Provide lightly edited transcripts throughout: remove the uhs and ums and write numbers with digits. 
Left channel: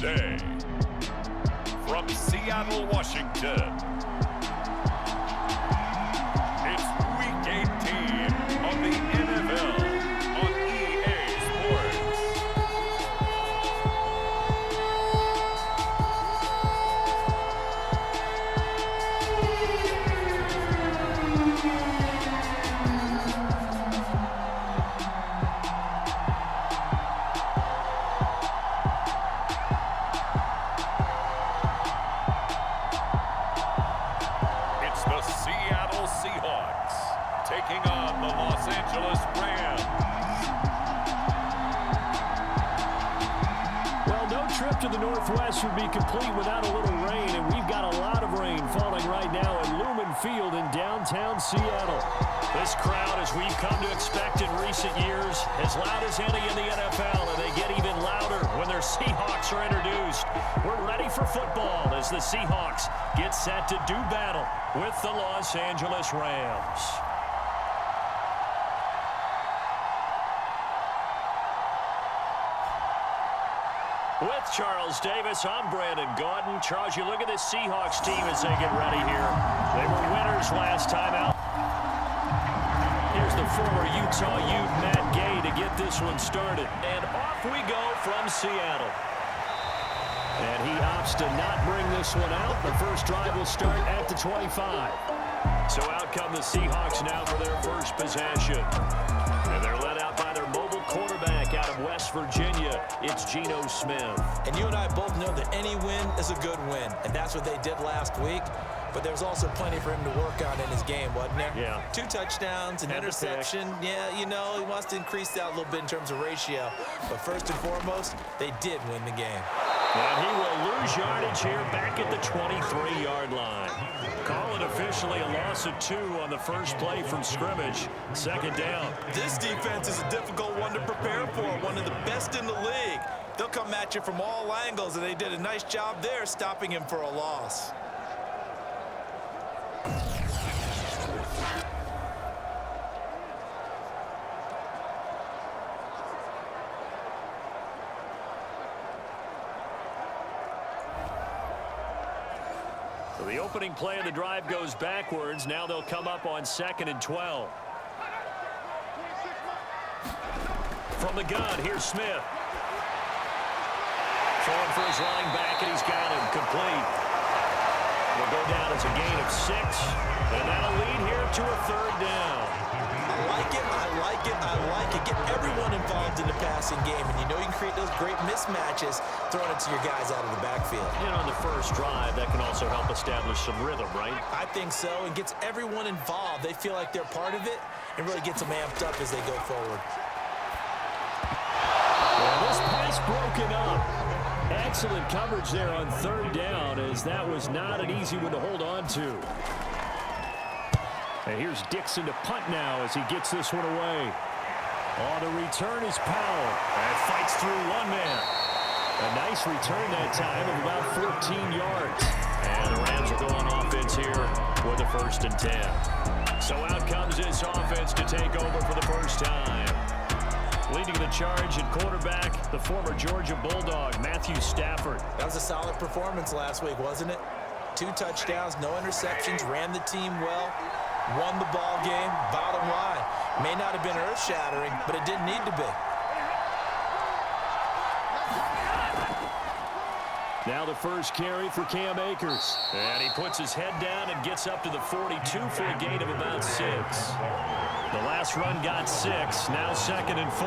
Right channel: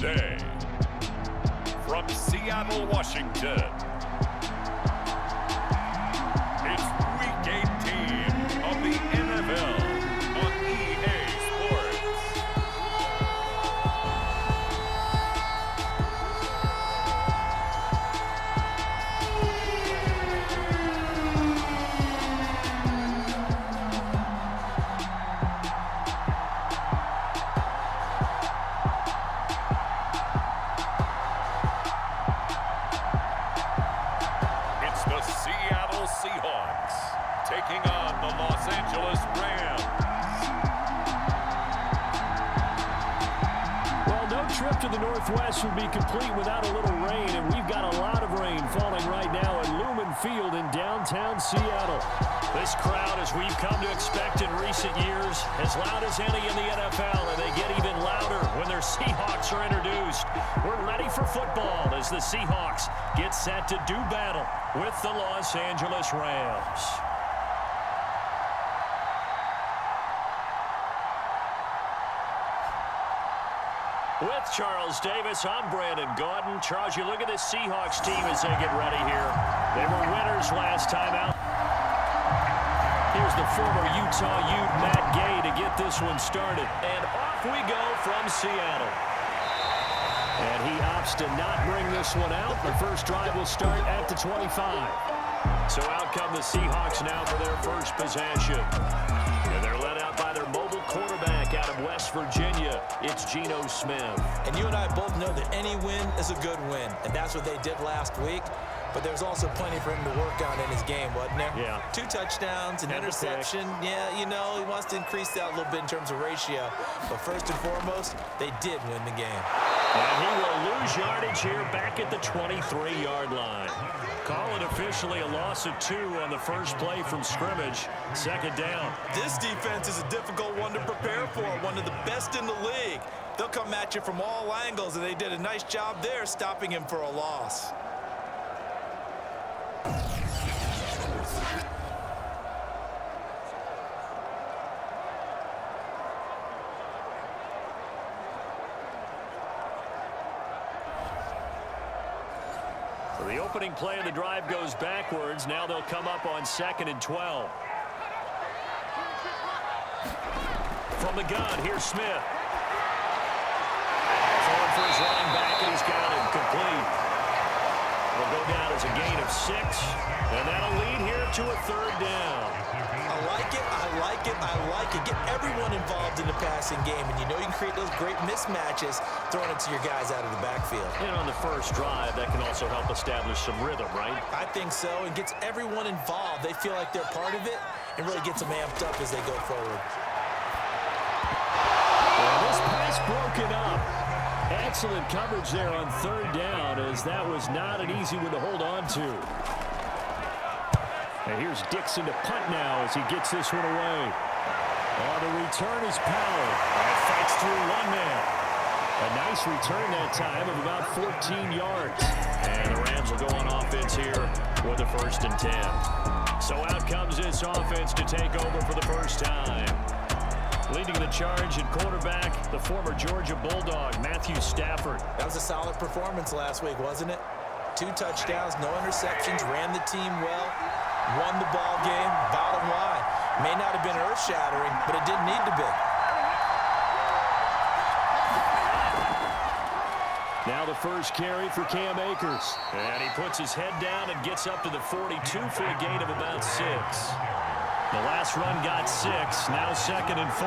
today. From Seattle, Washington, it's Week 18 of the NFL on EA Sports. It's the Seattle Seahawks taking on the Los Angeles Rams. Well, no trip to the Northwest would be complete without a little rain, and we've got a lot of rain falling right now at Lumen Field in downtown Seattle. This crowd, as we've come to expect in recent years, as loud as any in the NFL, and they get even louder when their Seahawks are introduced. We're ready for football as the Seahawks get set to do battle with the Los Angeles Rams. With Charles Davis, I'm Brandon Gaudin. Charles, you look at this Seahawks team as they get ready here. They were winners last time out. Here's the former Utah Ute, Matt Gay, to get this one started. And off we go from Seattle. And he opts to not bring this one out. The first drive will start at the 25. So out come the Seahawks now for their first possession. And they're led out by their mobile quarterback out of West Virginia. It's Geno Smith. And you and I both know that any win is a good win. And that's what they did last week. But there was also plenty for him to work on in his game, wasn't there? Yeah. 2 touchdowns, an interception. Yeah, you know, he wants to increase that a little bit in terms of ratio. But first and foremost, they did win the game. And he will lose yardage here back at the 23-yard line. Call it officially a loss of 2 on the first play from scrimmage. Second down. This defense is a difficult one to prepare for, one of the best in the league. They'll come at you from all angles, and they did a nice job there stopping him for a loss. So the opening play of the drive goes backwards. Now they'll come up on 2nd and 12. From the gun, here's Smith. Throwing for his running back, and he's got him complete. Will go down as a gain of 6, and that'll lead here to a 3rd down. I like it, I like it, I like it. Get everyone involved in the passing game, and you know you can create those great mismatches throwing it to your guys out of the backfield. And on the first drive, that can also help establish some rhythm, right? I think so, and gets everyone involved. They feel like they're part of it, and really gets them amped up as they go forward. Yeah, this pass broken up. Excellent coverage there on 3rd down, as that was not an easy one to hold on to. And here's Dixon to punt now as he gets this one away. On the return is Powell. And fights through one man. A nice return that time of about 14 yards. And the Rams will go on offense here with a 1st and 10. So out comes this offense to take over for the first time. Leading the charge at quarterback, the former Georgia Bulldog, Matthew Stafford. That was a solid performance last week, wasn't it? 2 touchdowns, no interceptions, ran the team well, won the ball game. Bottom line, may not have been earth-shattering, but it didn't need to be. Now the first carry for Cam Akers. And he puts his head down and gets up to the 42 for a gain of about 6. The last run got 6, now 2nd and 4.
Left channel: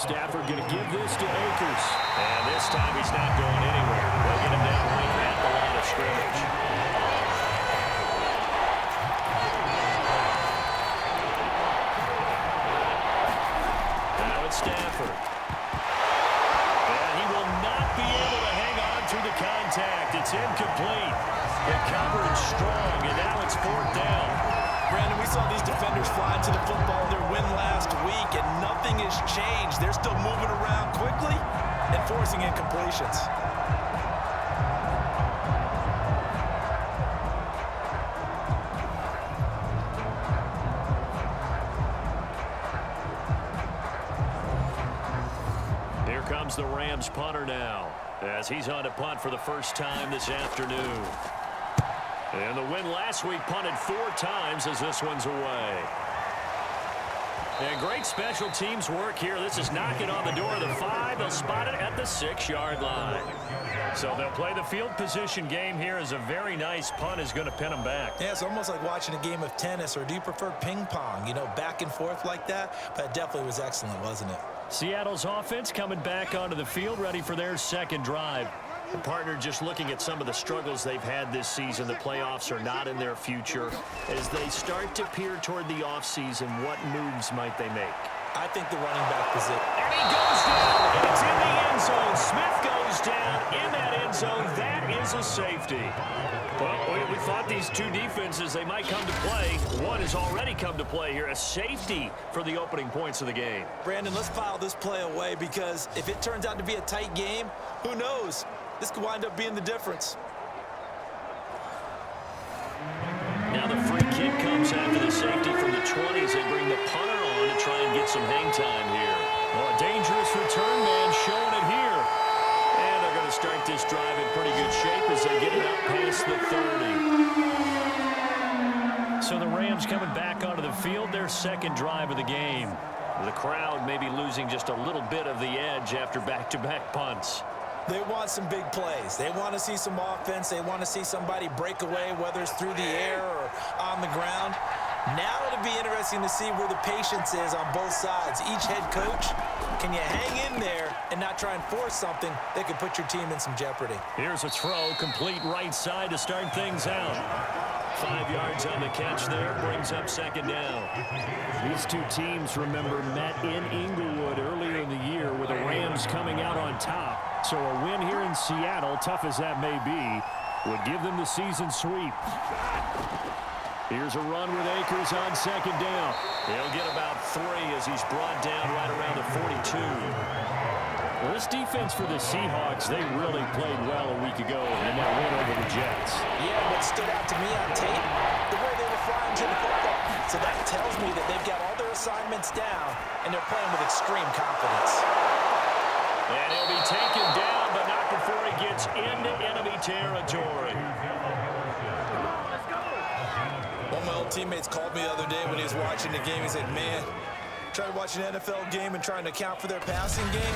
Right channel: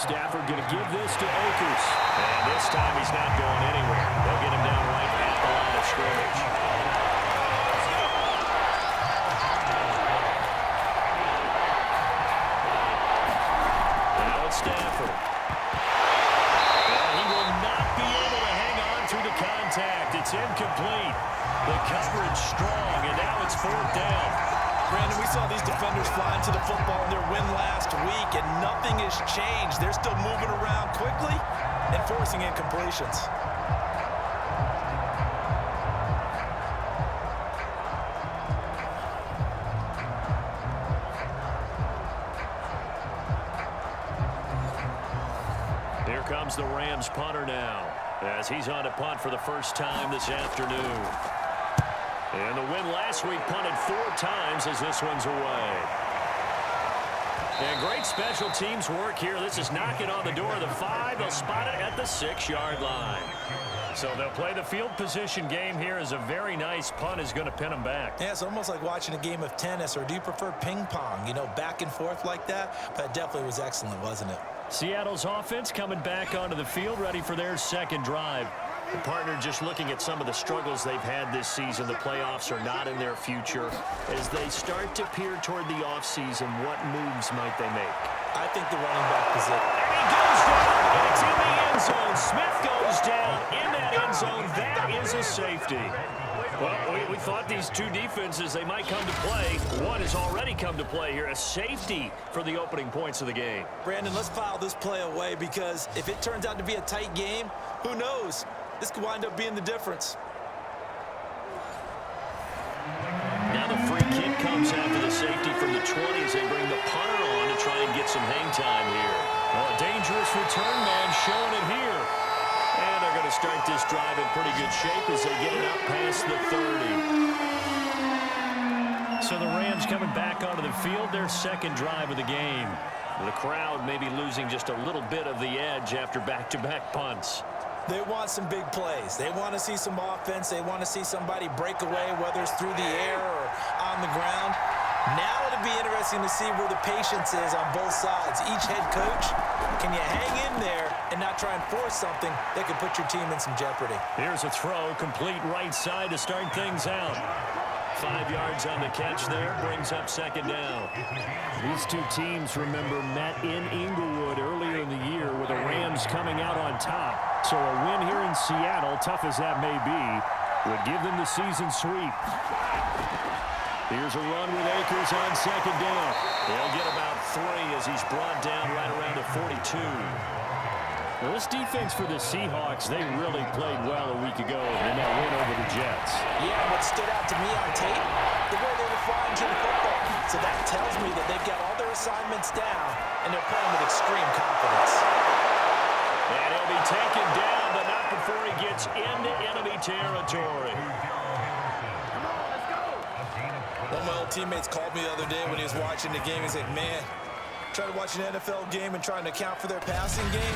Stafford going to give this to Akers. And this time he's not going anywhere. They'll get him down right at the line of scrimmage. Now it's Stafford. And he will not be able to hang on through the contact. It's incomplete. The coverage strong, and now it's 4th down. Brandon, we saw these defenders fly into the football in their win last week, and nothing has changed. They're still moving around quickly and forcing incompletions. comes the Rams punter now, as he's on to punt for the first time this afternoon. And the win last week punted 4 times as this one's away. And great special teams work here. This is knocking on the door of the 5. They'll spot it at the 6-yard line. So they'll play the field position game here as a very nice punt is going to pin them back. Yeah, it's almost like watching a game of tennis, or do you prefer ping pong? You know, back and forth like that? But it definitely was excellent, wasn't it? Seattle's offense coming back onto the field, ready for their second drive. The partner just looking at some of the struggles they've had this season. The playoffs are not in their future. As they start to peer toward the offseason, what moves might they make? I think the running back position. And he goes down, and it's in the end zone. Smith goes down in that end zone. That is a safety. Well, we thought these two defenses, they might come to play. One has already come to play here. A safety for the opening points of the game. Brandon, let's file this play away, because if it turns out to be a tight game, who knows? This could wind up being the difference. Now the free kick comes after the safety from the 20 as they bring the punter on to try and get some hang time here. Oh, a dangerous return man showing it here. And they're going to start this drive in pretty good shape as they get it up past the 30. So the Rams coming back onto the field, their second drive of the game. The crowd may be losing just a little bit of the edge after back-to-back punts. They want some big plays. They want to see some offense. They want to see somebody break away, whether it's through the air or on the ground. Now it'll be interesting to see where the patience is on both sides. Each head coach, can you hang in there and not try and force something that could put your team in some jeopardy? Here's a throw, complete right side to start things out. 5 yards on the catch there, brings up second down. These two teams, remember, met in Inglewood earlier in the year with the Rams coming out on top. So a win here in Seattle, tough as that may be, would give them the season sweep. Here's a run with Akers on second down. He'll get about 3 as he's brought down right around the 42. Well, this defense for the Seahawks, they really played well a week ago in that win over the Jets. Yeah, what stood out to me on tape, the way they were flying to the football. So that tells me that they've got all their assignments down, and they're playing with extreme confidence. And he'll be taken down, but not before he gets into enemy territory. One of my old teammates called me the other day when he was watching the game. He's like, man, trying to watch an NFL game and trying to account for their passing game,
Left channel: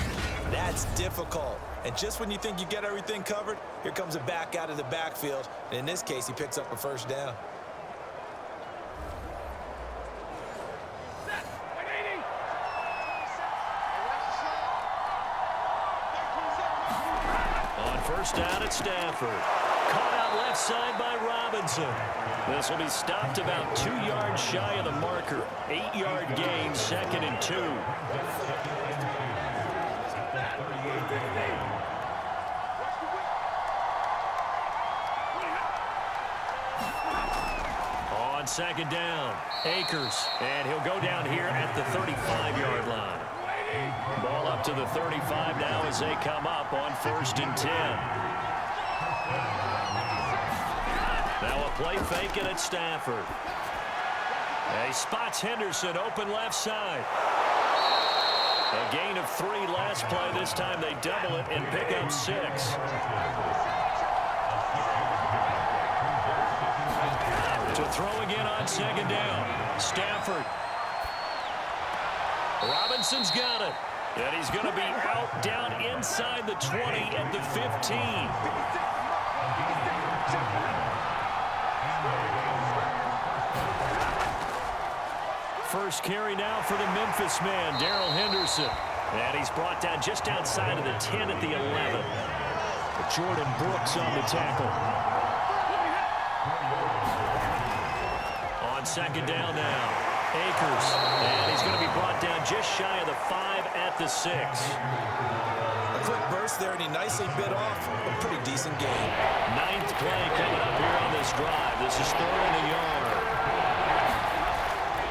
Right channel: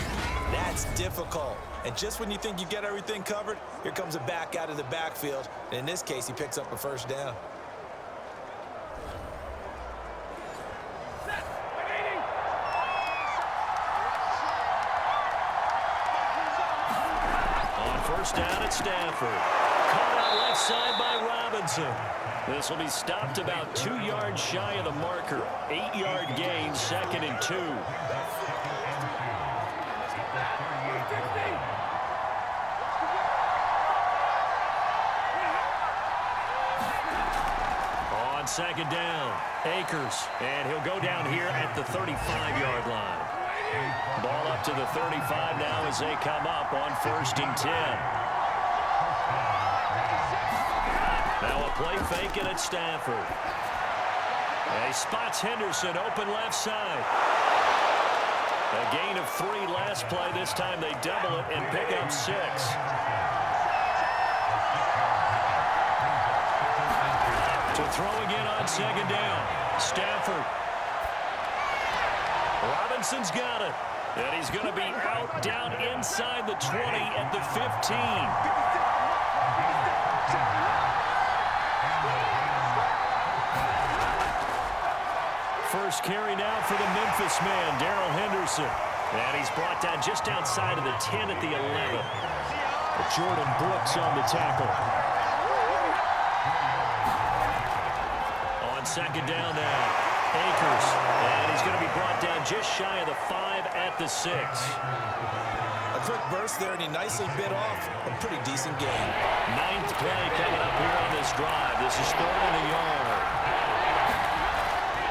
that's difficult. And just when you think you get everything covered, here comes a back out of the backfield. And in this case, he picks up a first down. On first down at Stafford. Caught out left side by Robinson. This will be stopped about 2 yards shy of the marker. 8-yard gain, 2nd and 2. On second down, Akers. And he'll go down here at the 35-yard line. Ball up to the 35 now as they come up on 1st and 10. Now a play fake it at Stafford. He spots Henderson open left side. A gain of 3 last play. This time they double it and pick up 6. To throw again on second down. Stafford. Robinson's got it. And he's going to be out down inside the 20 at the 15. First carry now for the Memphis man, Darrell Henderson. And he's brought down just outside of the 10 at the 11. Jordan Brooks on the tackle. On second down now, Akers. And he's going to be brought down just shy of the 5 at the 6. A quick burst there, and he nicely bit off a pretty decent game. 9th play coming up here on this drive. This is 3rd and a yard.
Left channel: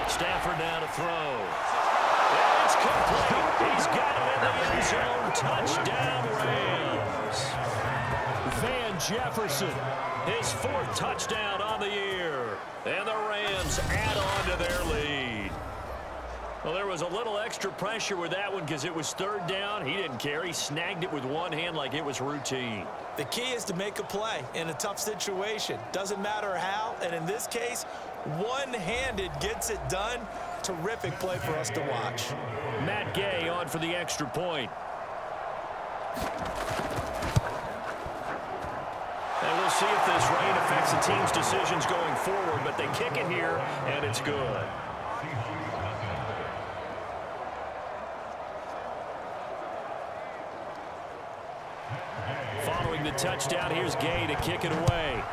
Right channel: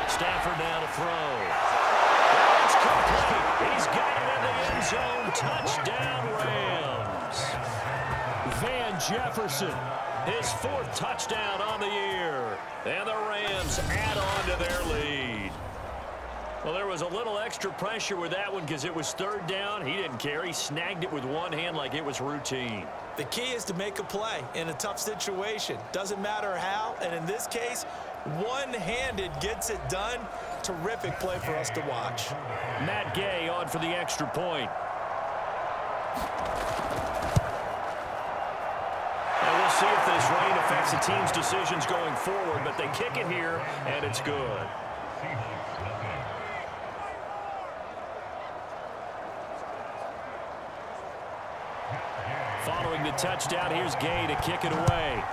Stafford now to throw. And it's complete. He's got it in the end zone. Touchdown, Rams. Van Jefferson, his 4th touchdown on the year. And the Rams add on to their lead. Well, there was a little extra pressure with that one because it was third down. He didn't care. He snagged it with one hand like it was routine. The key is to make a play in a tough situation. Doesn't matter how, and in this case, one-handed gets it done. Terrific play for us to watch. Matt Gay on for the extra point. And we'll see if this rain affects the team's decisions going forward, but they kick it here, and it's good. Following the touchdown, here's Gay to kick it away.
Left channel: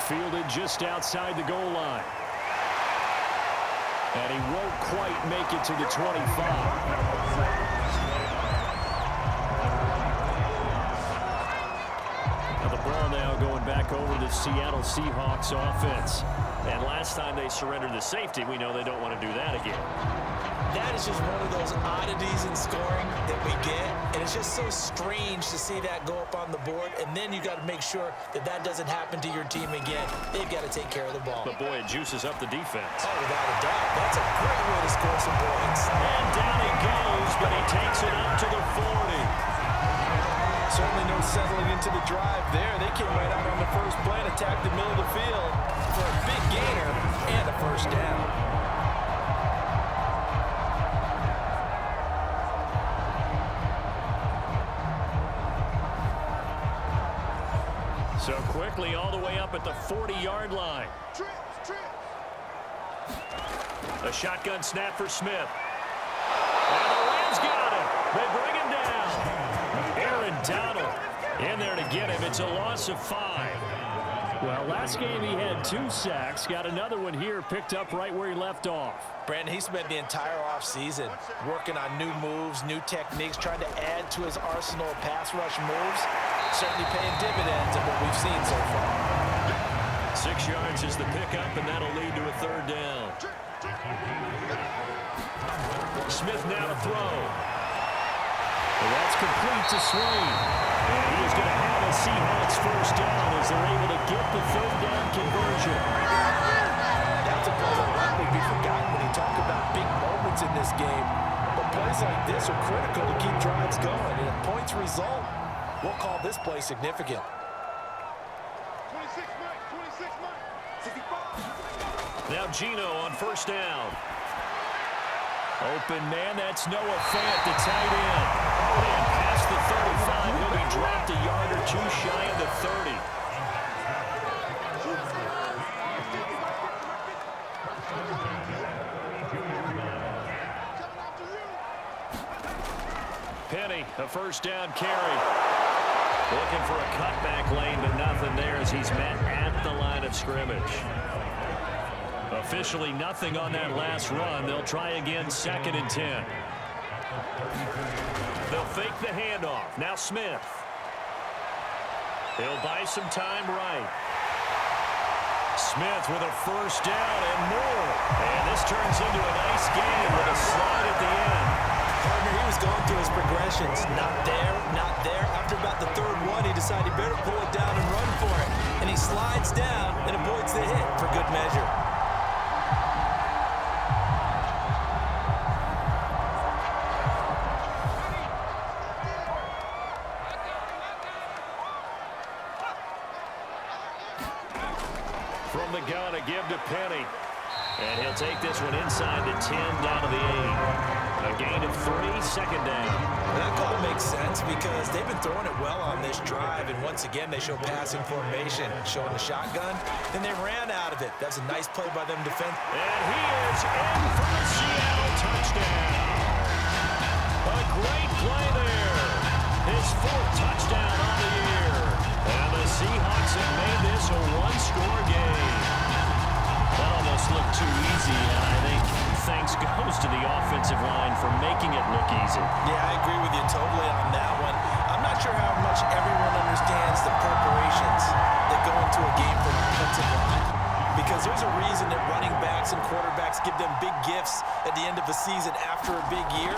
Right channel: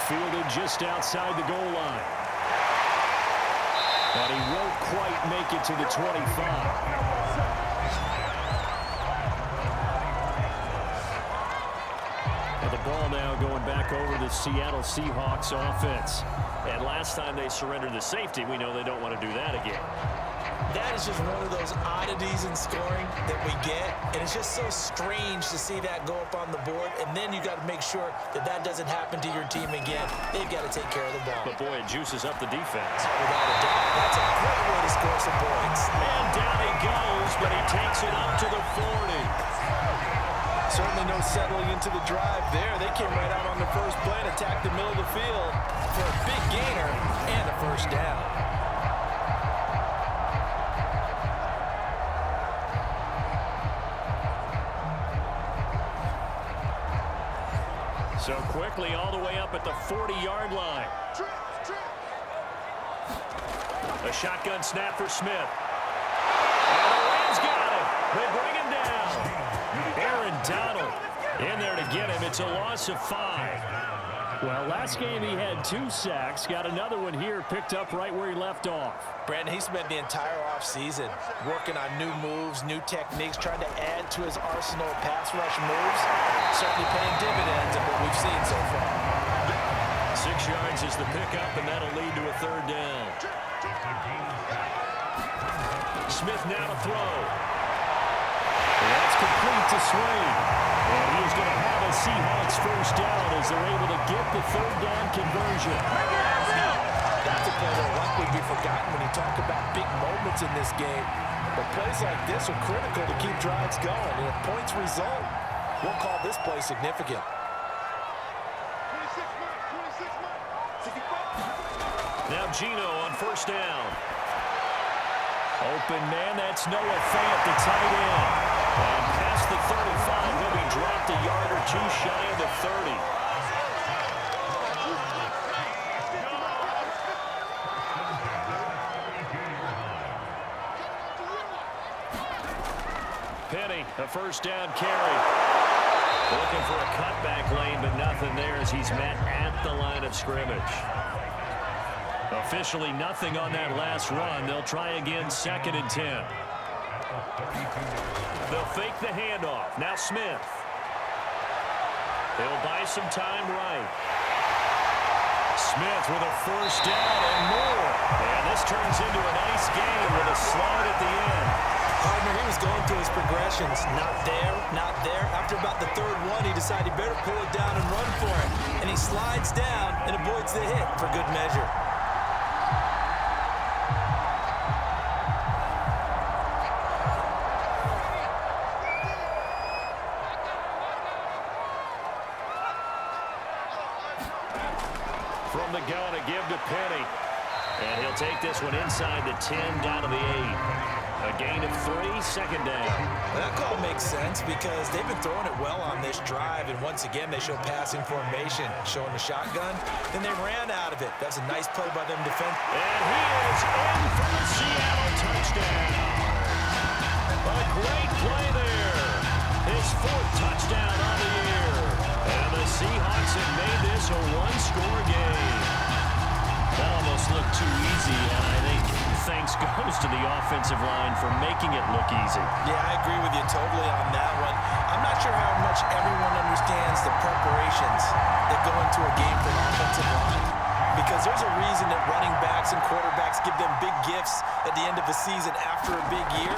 Fielded just outside the goal line. And he won't quite make it to the 25. The ball now going back over to the Seattle Seahawks offense. And last time they surrendered the safety, we know they don't want to do that again. That is just one of those oddities in scoring that we get, and it's just so strange to see that go up on the board, and then you got to make sure that that doesn't happen to your team again. They've got to take care of the ball. But boy, it juices up the defense. Oh, without a doubt. That's a great way to score some points. And down he goes, but he takes it up to the 40. Certainly no settling into the drive there. They came right out on the first play and attacked the middle of the field for a big gainer and a first down. So quickly all the way up at the 40-yard line. A shotgun snap for Smith. And the Rams got him. They bring him down. Aaron Donald in there to get him. It's a loss of 5. Well, last game he had 2 sacks. Got another one here, picked up right where he left off. Brandon, he spent the entire offseason working on new moves, new techniques, trying to add to his arsenal of pass rush moves. Certainly paying dividends in what we've seen so far. 6 yards is the pickup, and that'll lead to a third down. Smith now to throw. And that's complete to Swain. And he is going to have a Seahawks first down as they're able to get the third down conversion. That's a play that will likely be forgotten when you talk about big moments in this game. But plays like this are critical to keep drives going. And if points result, we'll call this play significant. 26 Mike, 65. Now Gino on first down. Open man, that's Noah Fant, the tight end. And past the 35, he'll be dropped a yard or 2 shy of the 30. Penny, a first down carry. Looking for a cutback lane, but nothing there as he's met at the line of scrimmage. Officially nothing on that last run. They'll try again, 2nd and 10. They'll fake the handoff. Now Smith. He'll buy some time right. Smith with a first down and more. And this turns into a nice game with a slide at the end. Partner, he was going through his progressions. Not there, not there. After about the 3rd one, he decided he better pull it down and run for it. And he slides down and avoids the hit for good measure. From the gun, a give to Penny. And he'll take this one inside the 10, down to the 8. A gain of 3, 2nd down. Well, that call makes sense because they've been throwing it well on this drive, and once again, they show passing formation, showing the shotgun. Then they ran out of it. That's a nice play by them defense. And he is in for the Seattle touchdown. A great play there. His 4th touchdown on the year. And the Seahawks have made this a 1-score game. That almost looked too easy, and I think thanks goes to the offensive line for making it look easy. Yeah, I agree with you totally on that one. I'm not sure how much everyone understands the preparations that go into a game for an offensive line, because there's a reason that running backs and quarterbacks give them big gifts at the end of the season after a big year.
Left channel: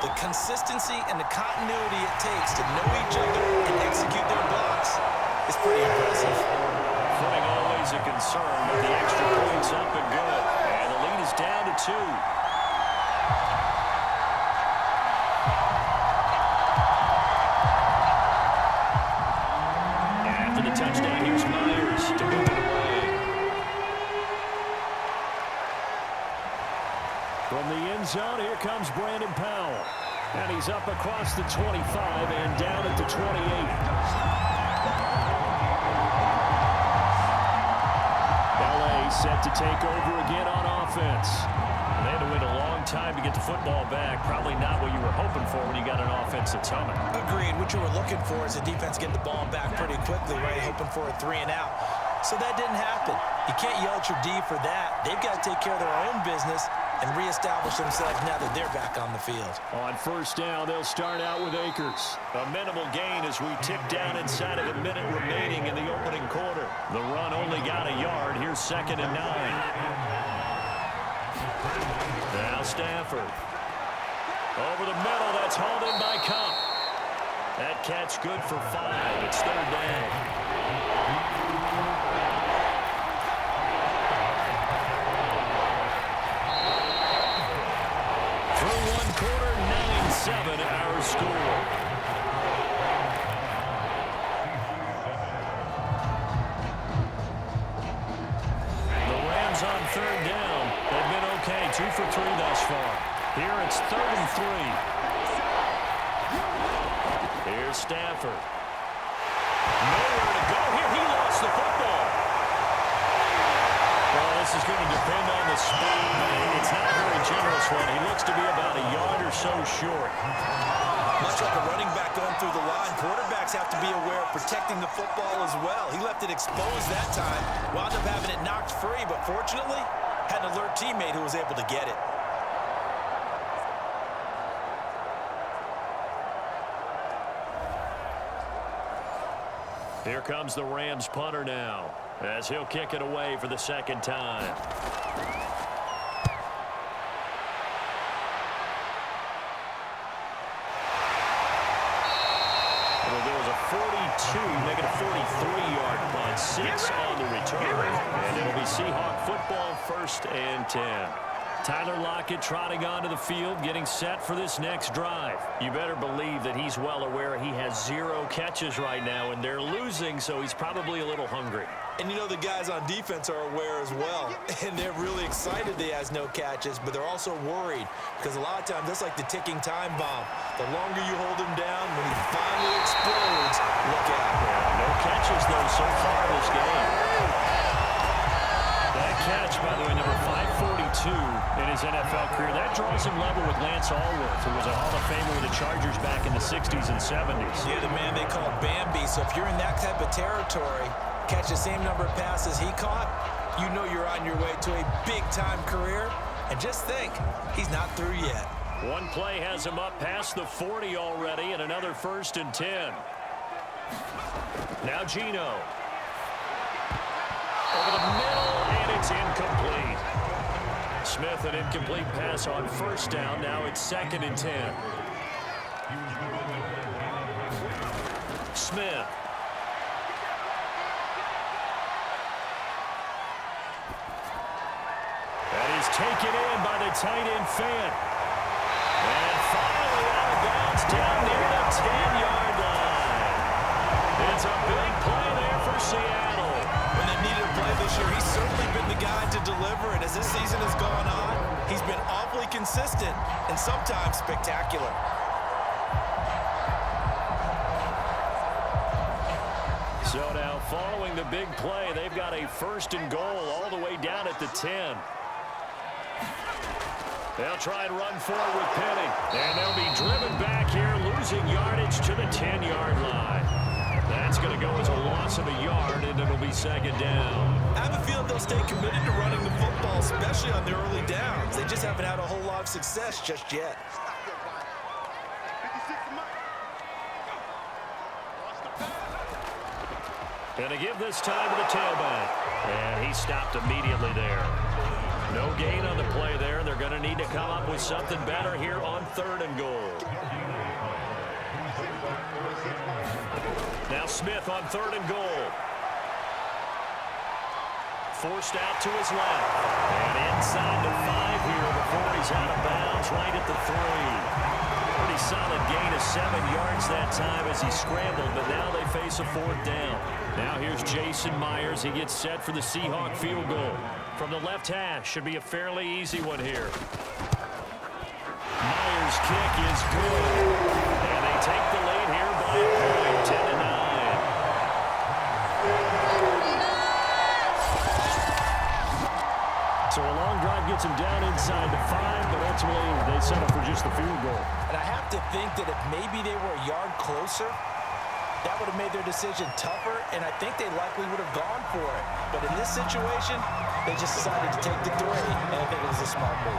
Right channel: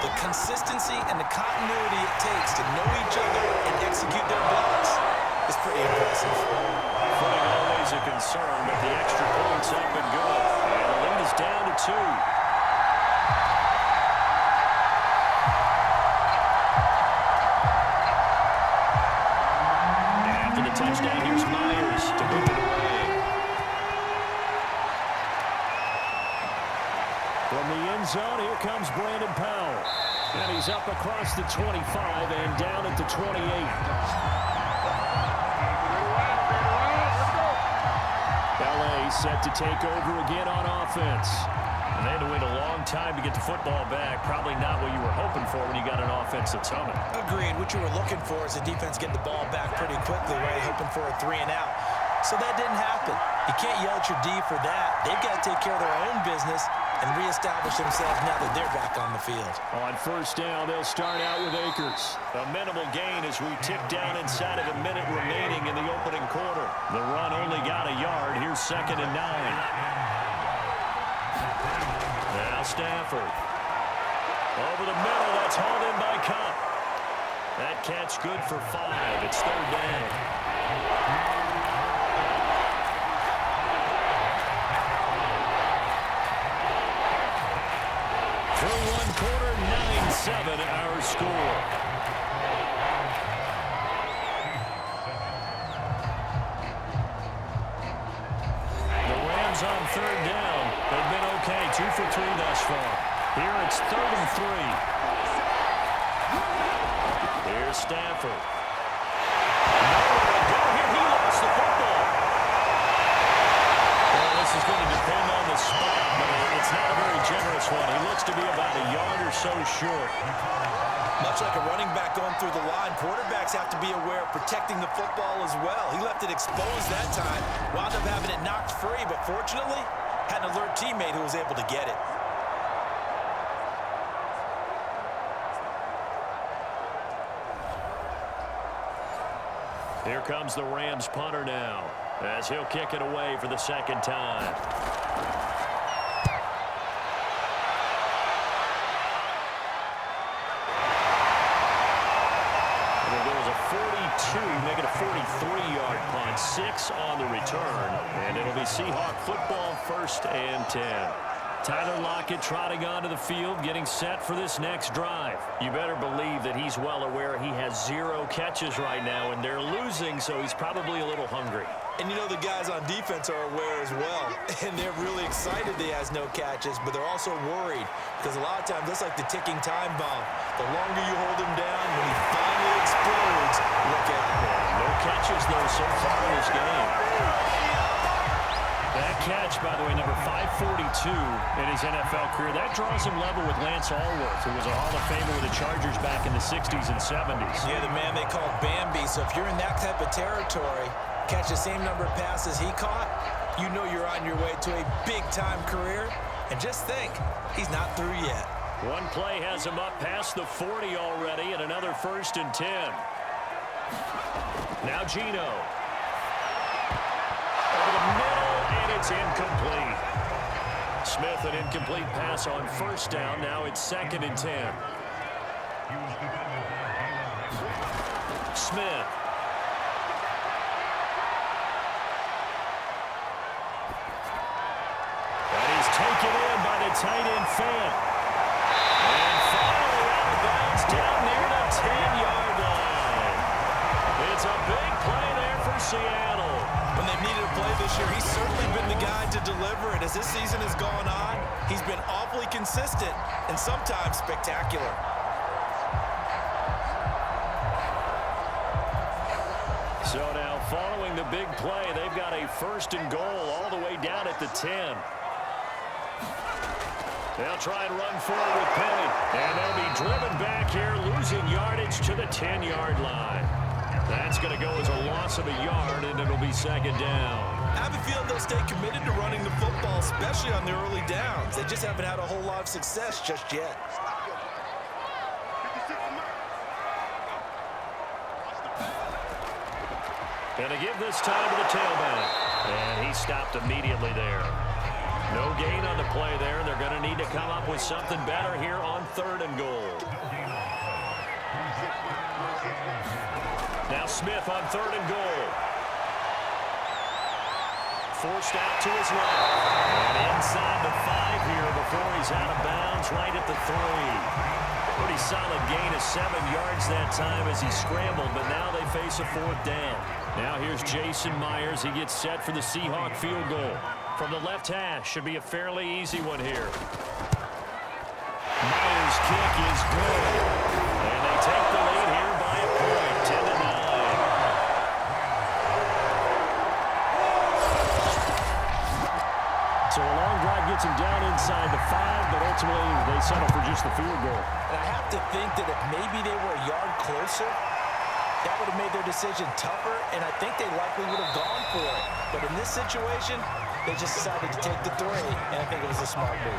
The consistency and the continuity it takes to know each other and execute their blocks is pretty impressive. Footing always a concern, but the extra points It's up and good. And the lead is down to 2. After the touchdown, here's Myers to move it away. From the end zone, here comes Brandon Powell. And he's up across the 25 and down at the 28. LA set to take over again on offense. And they had to wait a long time to get the football back. Probably not what you were hoping for when you got an offense that's humming. Agreed. What you were looking for is the defense getting the ball back pretty quickly, right? Hoping for a 3 and out. So that didn't happen. You can't yell at your D for that. They've got to take care of their own business and reestablish themselves now that they're back on the field. On first down, they'll start out with Akers. A minimal gain as we tick down inside of a minute remaining in the opening quarter. The run only got a yard. Here's 2nd and 9. Now Stafford. Over the middle, that's hauled in by Cup. That catch good for 5. It's 3rd down. Through one quarter, 9-7 our score. The Rams on 3rd down. They've been okay, 2 for 3 thus far. Here it's 3rd and 3. Here's Stafford. Nowhere to go here. He lost the football. Well, this is going to depend on the spot, but it's not a very generous one. He looks to be about a yard or so short. Much like a running back going through the line, quarterbacks have to be aware of protecting the football as well. He left it exposed that time, wound up having it knocked free, but fortunately, had an alert teammate who was able to get it. Here comes the Rams punter now, as he'll kick it away for the 2nd time. It'll go as a 42, make it a 43-yard punt, 6 on the return, and it'll be Seahawk football, 1st and 10. Tyler Lockett trotting onto the field, getting set for this next drive. You better believe that he's well aware he has 0 catches right now, and they're losing, so he's probably a little hungry. And you know the guys on defense are aware as well, and they're really excited he has no catches, but they're also worried because a lot of times that's like the ticking time bomb. The longer you hold him down, when he finally explodes, look out. Yeah, no catches, though, so far this game. That catch, by the way, number 542 in his NFL career, that draws him level with Lance Allworth, who was a Hall of Famer with the Chargers back in the 60s and 70s. Yeah, the man they called Bambi. So if you're in that type of territory, catch the same number of passes he caught, you know you're on your way to a big-time career. And just think, he's not through yet. One play has him up past the 40 already, and another 1st and 10. Now Geno. Over the middle, and it's incomplete. Smith, an incomplete pass on 1st down. Now it's 2nd and 10. Smith. That is taken in by the tight end Fant. And finally out of bounds down near the 10-yard line. It's a big play there for Seattle. When they needed a play this year, he's certainly been the guy to deliver. And as this season has gone on, he's been awfully consistent and sometimes spectacular. So now following the big play, they've got a 1st and goal all the way down at the 10. They'll try and run forward with Penny. And they'll be driven back here, losing yardage to the 10-yard line. That's going to go as a loss of a yard, and it'll be 2nd down. I have a feeling they'll stay committed to running the football, especially on the early downs. They just haven't had a whole lot of success just yet. And they give this time to the tailback. And he stopped immediately there. No gain on the play there, and they're going to need to come up with something better here on 3rd and goal. Now Smith on 3rd and goal. forced out to his left. And inside the 5 here before he's out of bounds right at the 3. Pretty solid gain of 7 yards that time as he scrambled, but now they face a 4th down. Now here's Jason Myers. He gets set for the Seahawk field goal. From the left hash, should be a fairly easy one here. Myers' kick is good. And they take the lead here by a point, 10-9. So a long drive gets him down inside the 5, but ultimately they settle for just the field goal. And I have to think that if maybe they were a yard closer, that would have made their decision tougher, and I think they likely would have gone for it. But in this situation, they just decided to take the 3, and I think it was a smart move.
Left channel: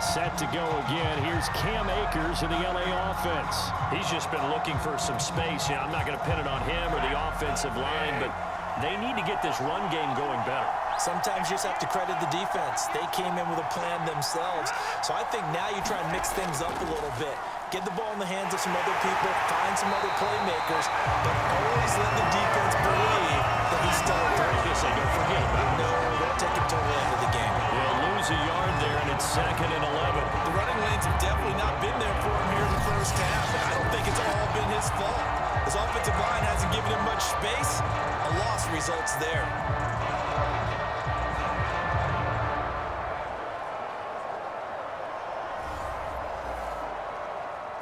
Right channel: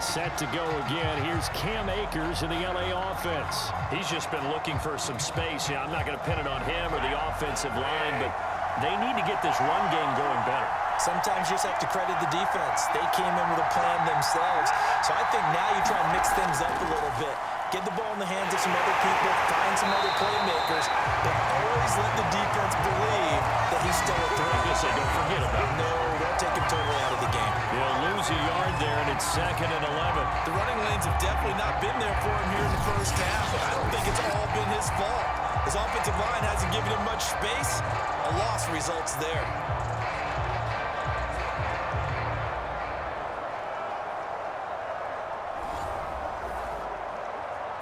Set to go again. Here's Cam Akers in the LA offense. He's just been looking for some space. I'm not going to pin it on him or the offensive line, but they need to get this run game going better. Sometimes you just have to credit the defense. They came in with a plan themselves. So I think now you try and mix things up a little bit. Get the ball in the hands of some other people, find some other playmakers, but always let the defense believe that he's still a threat. I guess they don't forget about it. No, don't take him totally out of the game. They'll lose a yard there, and it's 2nd and 11. The running lanes have definitely not been there for him here in the first half, but I don't think it's all been his fault. His offensive line hasn't given him much space. A loss results there.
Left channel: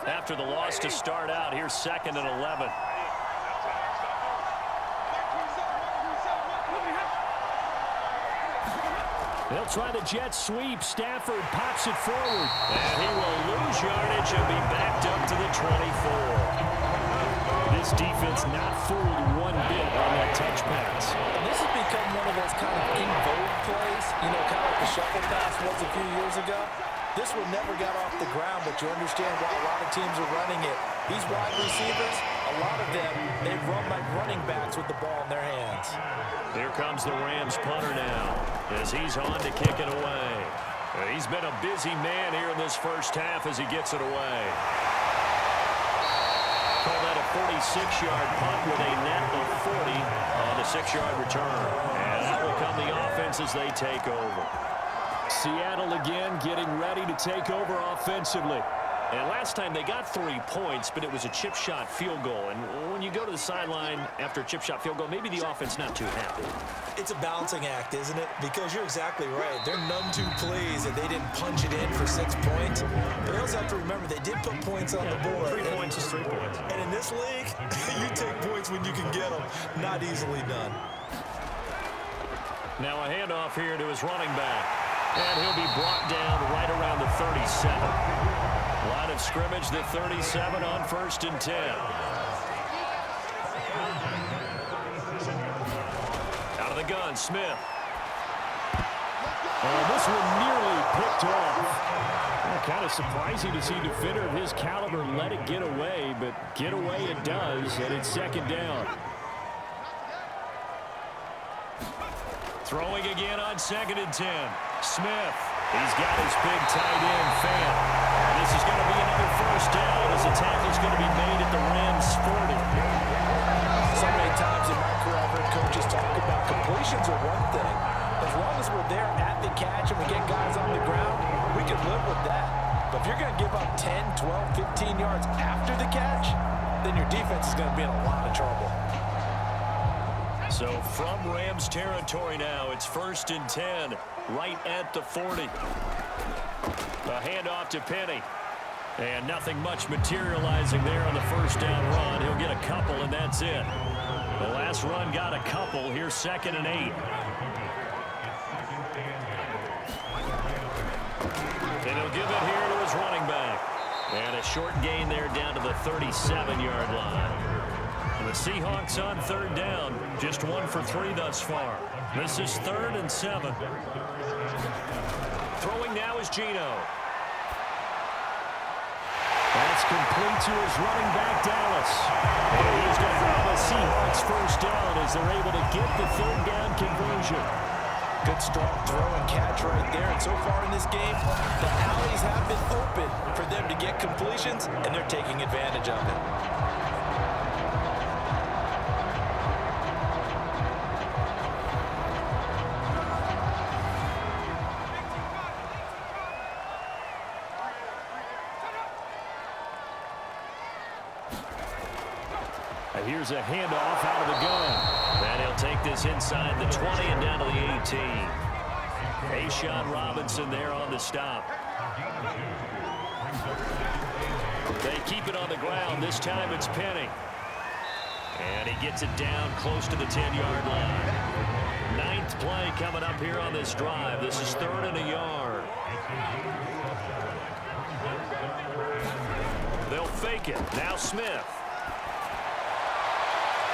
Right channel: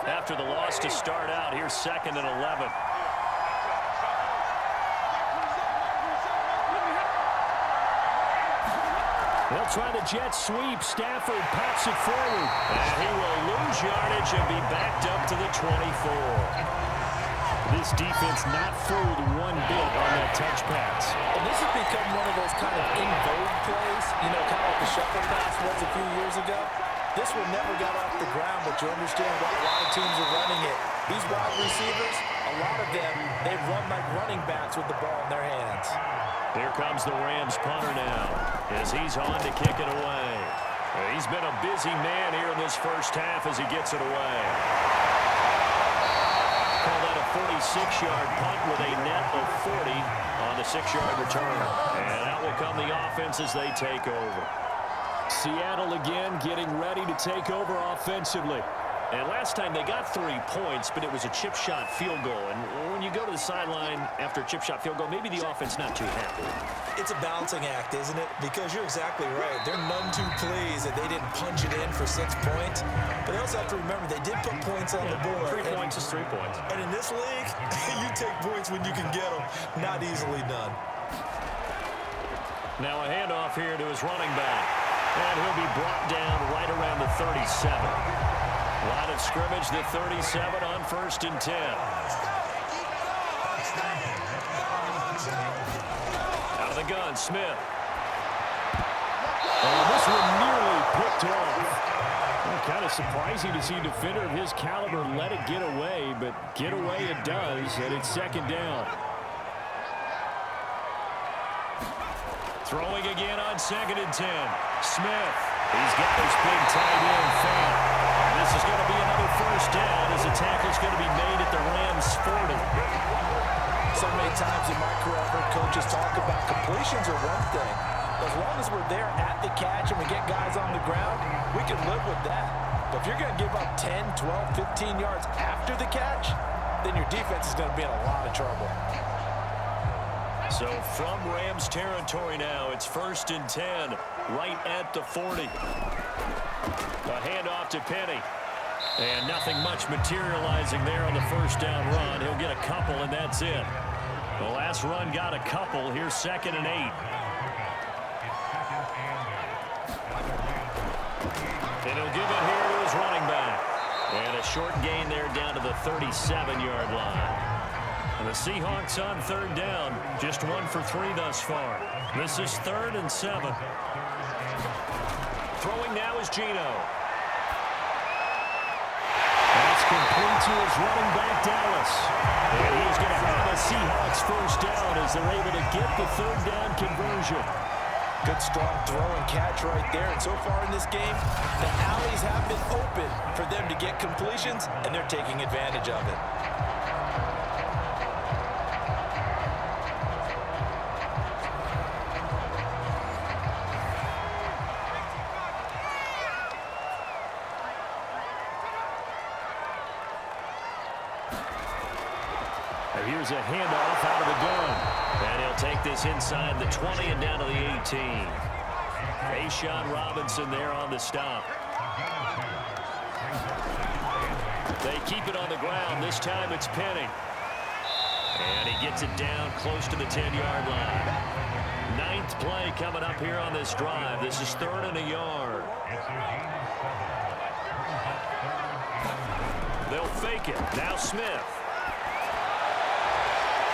After the loss to start out, here's 2nd and 11. They'll try the jet sweep. Stafford pops it forward. And he will lose yardage and be backed up to the 24. This defense not fooled one bit on that touch pass. And this has become one of those kind of in vogue plays, you know, kind of like the shuffle pass was a few years ago. This one never got off the ground, but you understand why a lot of teams are running it. These wide receivers, a lot of them, they run like running backs with the ball in their hands. Here comes the Rams punter now as he's on to kick it away. He's been a busy man here in this first half as he gets it away. Call that a 46-yard punt with a net of 40 on the 6-yard return. And out will come the offense as they take over. Seattle again getting ready to take over offensively. And last time they got 3 points, but it was a chip shot field goal. And when you go to the sideline after a chip shot field goal, maybe the offense not too happy. It's a balancing act, isn't it? Because you're exactly right. They're none too pleased that they didn't punch it in for 6 points. But they also have to remember they did put points on the board. 3 points is 3 points. And in this league, you take points when you can get them. Not easily done. Now a handoff here to his running back. And he'll be brought down right around the 37. Line of scrimmage, the 37 on 1st and 10. Out of the gun, Smith. Oh, this one nearly picked off. Well, kind of surprising to see a defender of his caliber let it get away, but get away it does, and it's 2nd down. Throwing again on 2nd and 10. Smith. He's got his big tight end, Fant. And this is going to be another 1st down as the tackle's going to be made at the Rams' 40. So many times in my career, I've heard coaches talk about completions are one thing. As long as we're there at the catch and we get guys on the ground, we can live with that. But if you're going to give up 10, 12, 15 yards after the catch, then your defense is going to be in a lot of trouble. So from Rams territory now, it's 1st and 10, right at the 40. A handoff to Penny. And nothing much materializing there on the 1st down run. He'll get a couple, and that's it. The last run got a couple. Here's 2nd and 8. And he'll give it here to his running back. And a short gain there down to the 37-yard line. And the Seahawks on 3rd down. Just 1 for 3 thus far. This is 3rd and 7. Throwing now is Geno. That's complete to his running back, Dallas. And he's going to have a Seahawks 1st down as they're able to get the 3rd down conversion. Good, strong throw and catch right there. And so far in this game, the alleys have been open for them to get completions, and they're taking advantage of it. here's a handoff out of the gun. And he'll take this inside the 20 and down to the 18. A'Shawn Robinson there on the stop. They keep it on the ground. This time it's Penny. And he gets it down close to the 10-yard line. 9th play coming up here on this drive. This is 3rd and a yard. They'll fake it. Now Smith.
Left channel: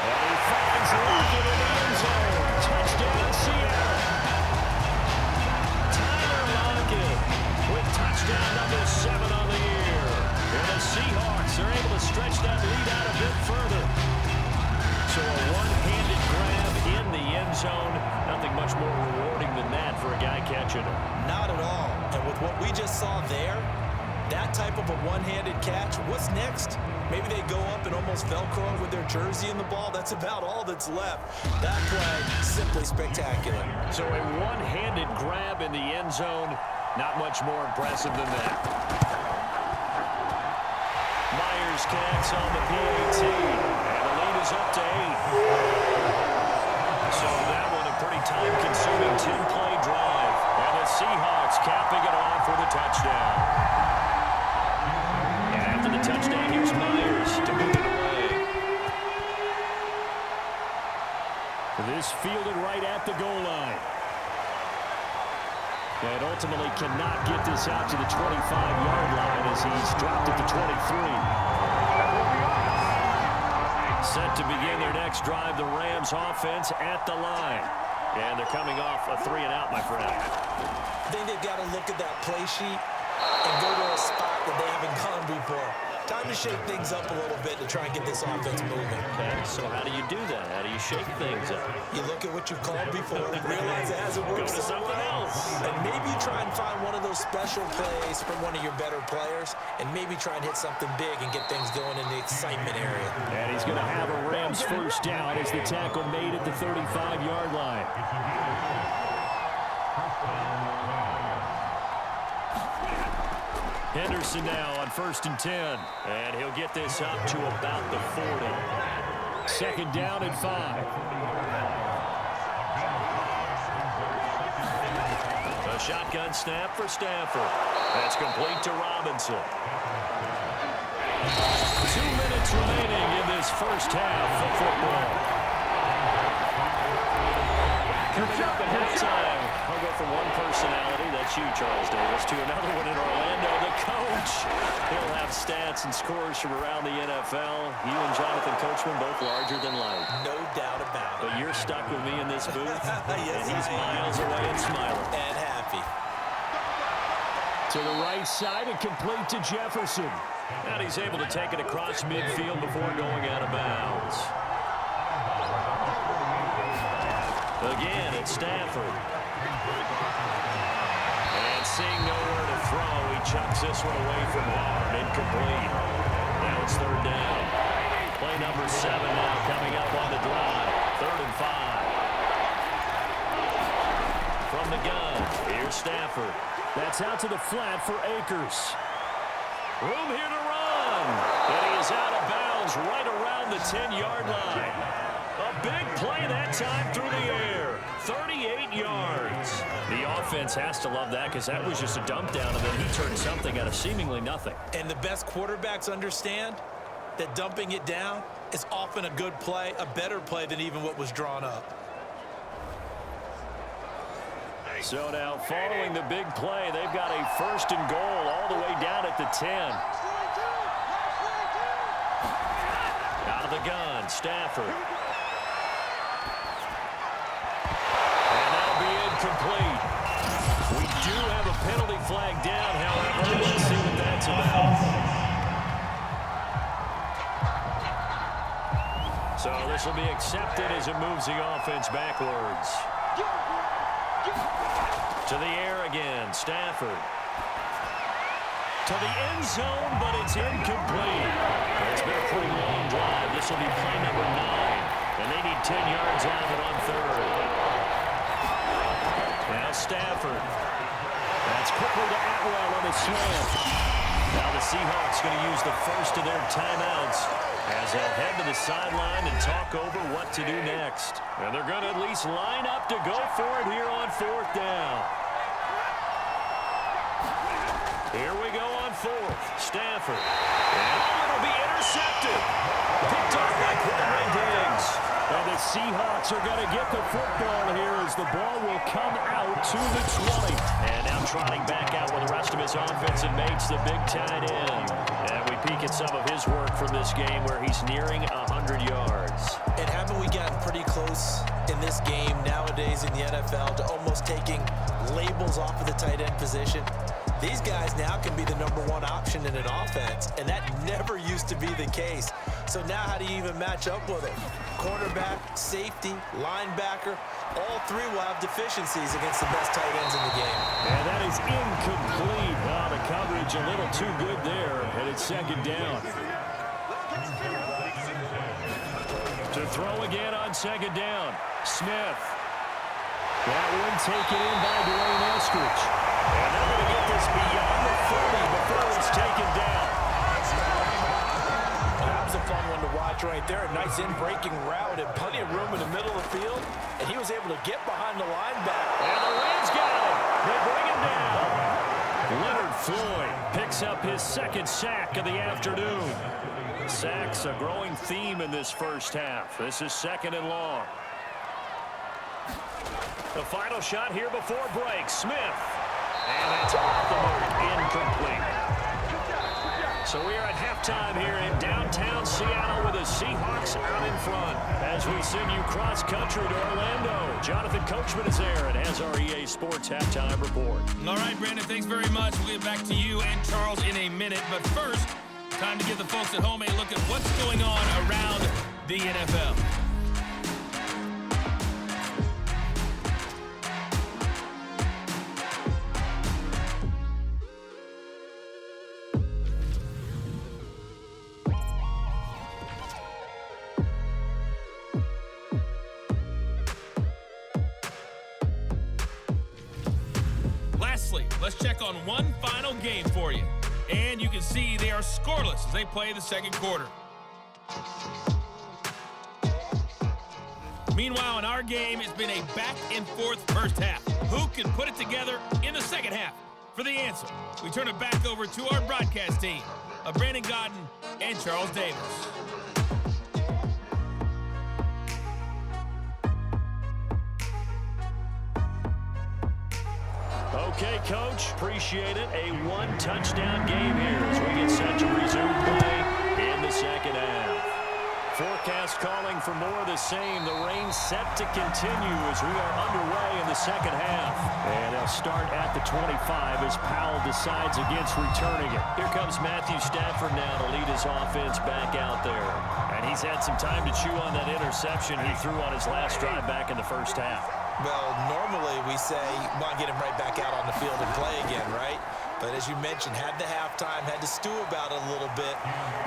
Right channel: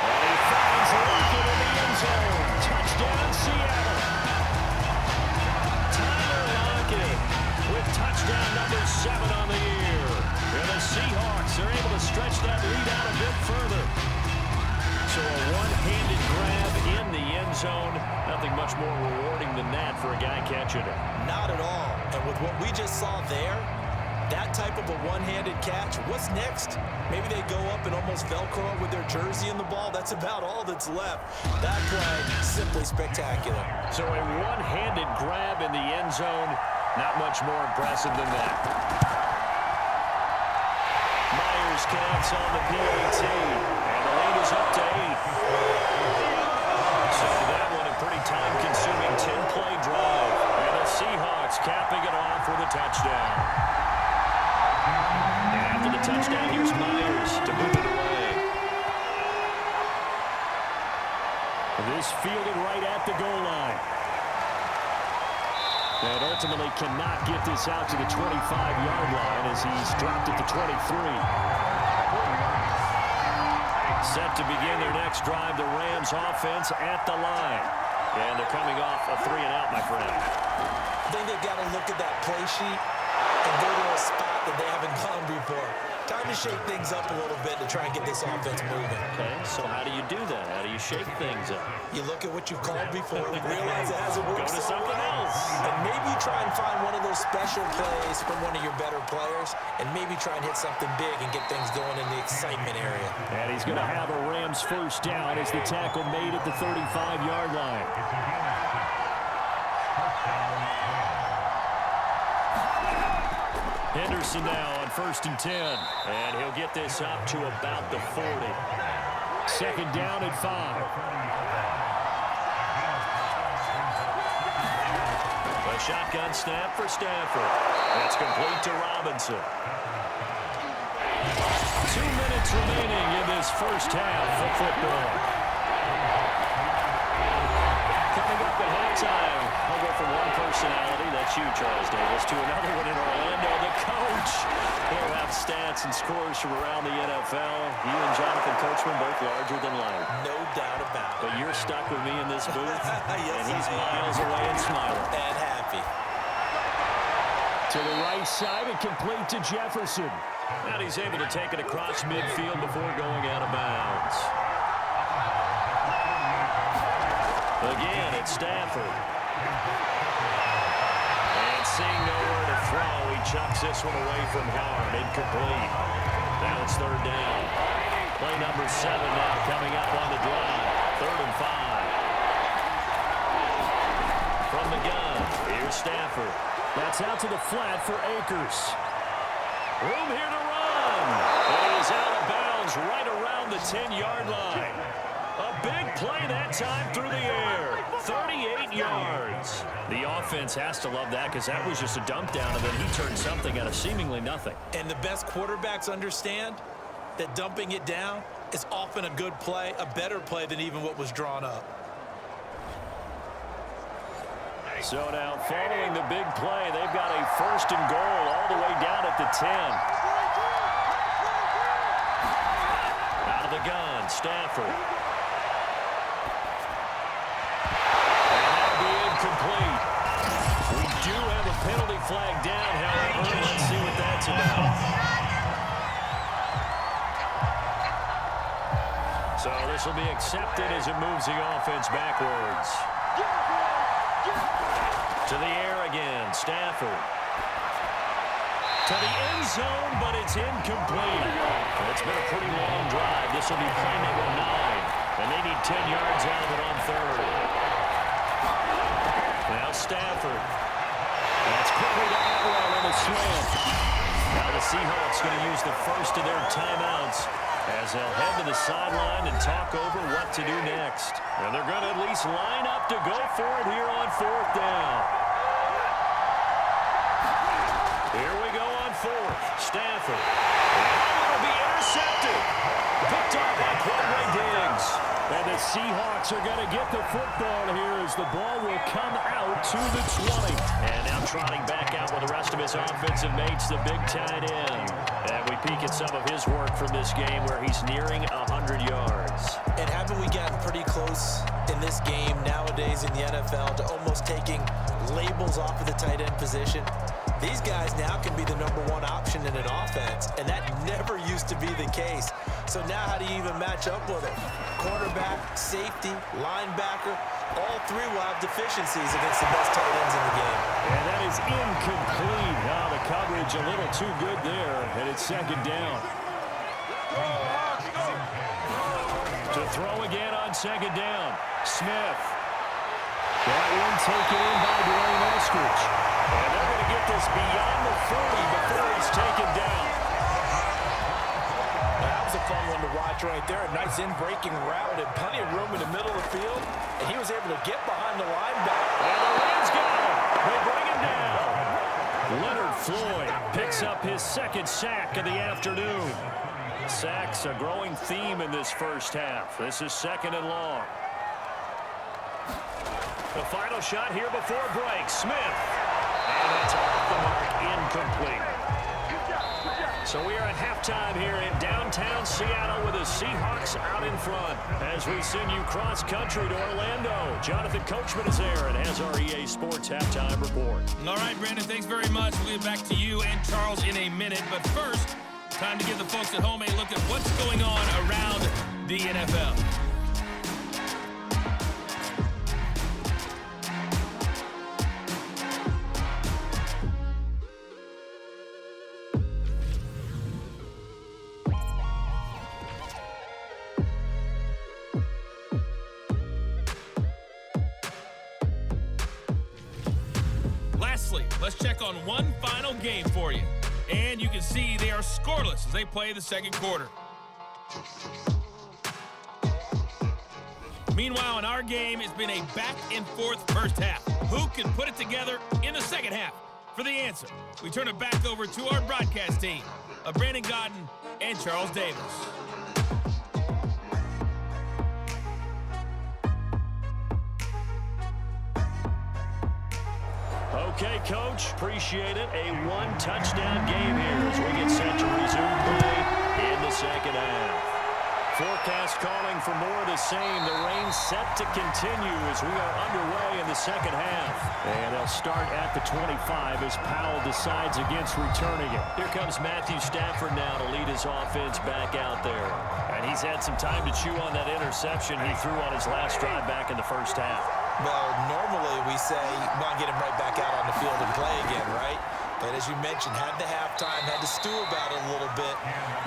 And he finds Lockett in the end zone. Touchdown, Seattle. Tyler Lockett with touchdown number 7 on the year. And the Seahawks are able to stretch that lead out a bit further. So a one-handed grab in the end zone. Nothing much more rewarding than that for a guy catching it. Not at all. And with what we just saw there, that type of a one-handed catch, what's next? Maybe they go up and almost Velcro it with their jersey in the ball. That's about all that's left. That play, simply spectacular. So a one-handed grab in the end zone, not much more impressive than that. Myers connects on the PAT, and the lead is up to 8. So that one a pretty time-consuming 10-play drive, and the Seahawks capping it off with a touchdown. And after the touchdown, here's Myers to move it away. This fielded right at the goal line. And ultimately cannot get this out to the 25-yard line as he's dropped at the 23. Set to begin their next drive, the Rams offense at the line. And they're coming off a 3-and-out, my friend. I think they've got to look at that play sheet and go to a spot that they haven't gone before. Time to shake things up a little bit to try and get this offense moving. Okay, so how do you do that? How do you shake things up? You look at what you've called before, realize it hasn't worked. Go to something else. And maybe you try and find one of those special plays from one of your better players, and maybe try and hit something big and get things going in the excitement area. And he's going to have a Rams first down as the tackle made at the 35-yard line. Henderson now on 1st and 10. And he'll get this up to about the 40. 2nd down and 5. A shotgun snap for Stafford. That's complete to Robinson. 2 minutes remaining in this first half of football. Coming up at halftime, I'll go from one personality, that's you, Charles Davis, to another one in Orlando, the coach. He'll have stats and scores from around the NFL. You and Jonathan Coachman both larger than life. No doubt about it. But you're stuck with me in this booth, yes, and he's miles away and smiling. And happy. To the right side and complete to Jefferson. And he's able to take it across midfield before going out of bounds. Again, it's Stafford. And seeing nowhere to throw, he chucks this one away from harm. Incomplete. Now it's 3rd down. Play number 7 now coming up on the drive. 3rd and 5. From the gun, here's Stafford. That's out to the flat for Akers. Room here to run. And he is out of bounds right around the 10-yard line. A big play that time through the air. 38 yards. The offense has to love that because that was just a dump down, and then he turned something out of seemingly nothing. And the best quarterbacks understand that dumping it down is often a good play, a better play than even what was drawn up. So now following the big play, they've got a 1st and goal all the way down at the 10. Out of the gun, Stafford. Incomplete. We do have a penalty flag down, however. Let's see what that's about. So this will be accepted as it moves the offense backwards. To the air again, Stafford. To the end zone, but it's incomplete. It's been a pretty long drive. This will be play number 9, and they need 10 yards out of it on 3rd. Now Stafford. That's quickly to Atwell on the slam. Now the Seahawks going to use the first of their timeouts as they'll head to the sideline and talk over what to do next. And they're going to at least line up to go for it here on 4th down. Here we go on 4th. Stafford. And it'll be intercepted. Picked off by Quadray Diggs. And the Seahawks are going to get the football here as the ball will come out to the 20. And now trotting back out with the rest of his offensive mates, the big tight end. And we peek at some of his work from this game where he's nearing 100 yards. And haven't we gotten pretty close in this game nowadays in the NFL to almost taking labels off of the tight end position? These guys now can be the #1 option in an offense, and that never used to be the case. So now how do you even match up with them? Cornerback, safety, linebacker, all three will have deficiencies against the best tight ends in the game. And that is incomplete. Oh, the coverage a little too good there, and it's 2nd down. To throw again on 2nd down, Smith. That one taken in by Dwayne Eskridge. And they're going to get this beyond the 30 before he's taken down. That was a fun one to watch right there. A nice in-breaking route and plenty of room in the middle of the field. And he was able to get behind the linebacker. And the Rams got him. They bring him down. Leonard Floyd picks up his 2nd sack of the afternoon. Sacks a growing theme in this first half. This is 2nd and long. The final shot here before break. Smith. And that's off the mark. Incomplete. So we are at halftime here in downtown Seattle with the Seahawks out in front. As we send you cross-country to Orlando, Jonathan Coachman is there and has our EA Sports halftime report. All right, Brandon, thanks very much. We'll get back to you and Charles in a minute. But first, time to give the folks at home a look at what's going on around the NFL. Lastly, let's check on one final game for you. And you can see they are scoreless as they play the 2nd quarter. Meanwhile, in our game, it's been a back-and-forth first half. Who can put it together in the 2nd half? For the answer, we turn it back over to our broadcast team of Brandon Godden and Charles Davis. Okay, Coach, appreciate it. A 1-touchdown game here as we get set to resume play in the 2nd half. Forecast calling for more of the same. The rain set to continue as we are underway in the 2nd half. And they'll start at the 25 as Powell decides against returning it. Here comes Matthew Stafford now to lead his offense back out there. And he's had some time to chew on that interception he threw on his last drive back in the first half. Well, normally we say, well, get him right back out on the field and play again, right? But as you mentioned, had the halftime, had to stew about it a little bit.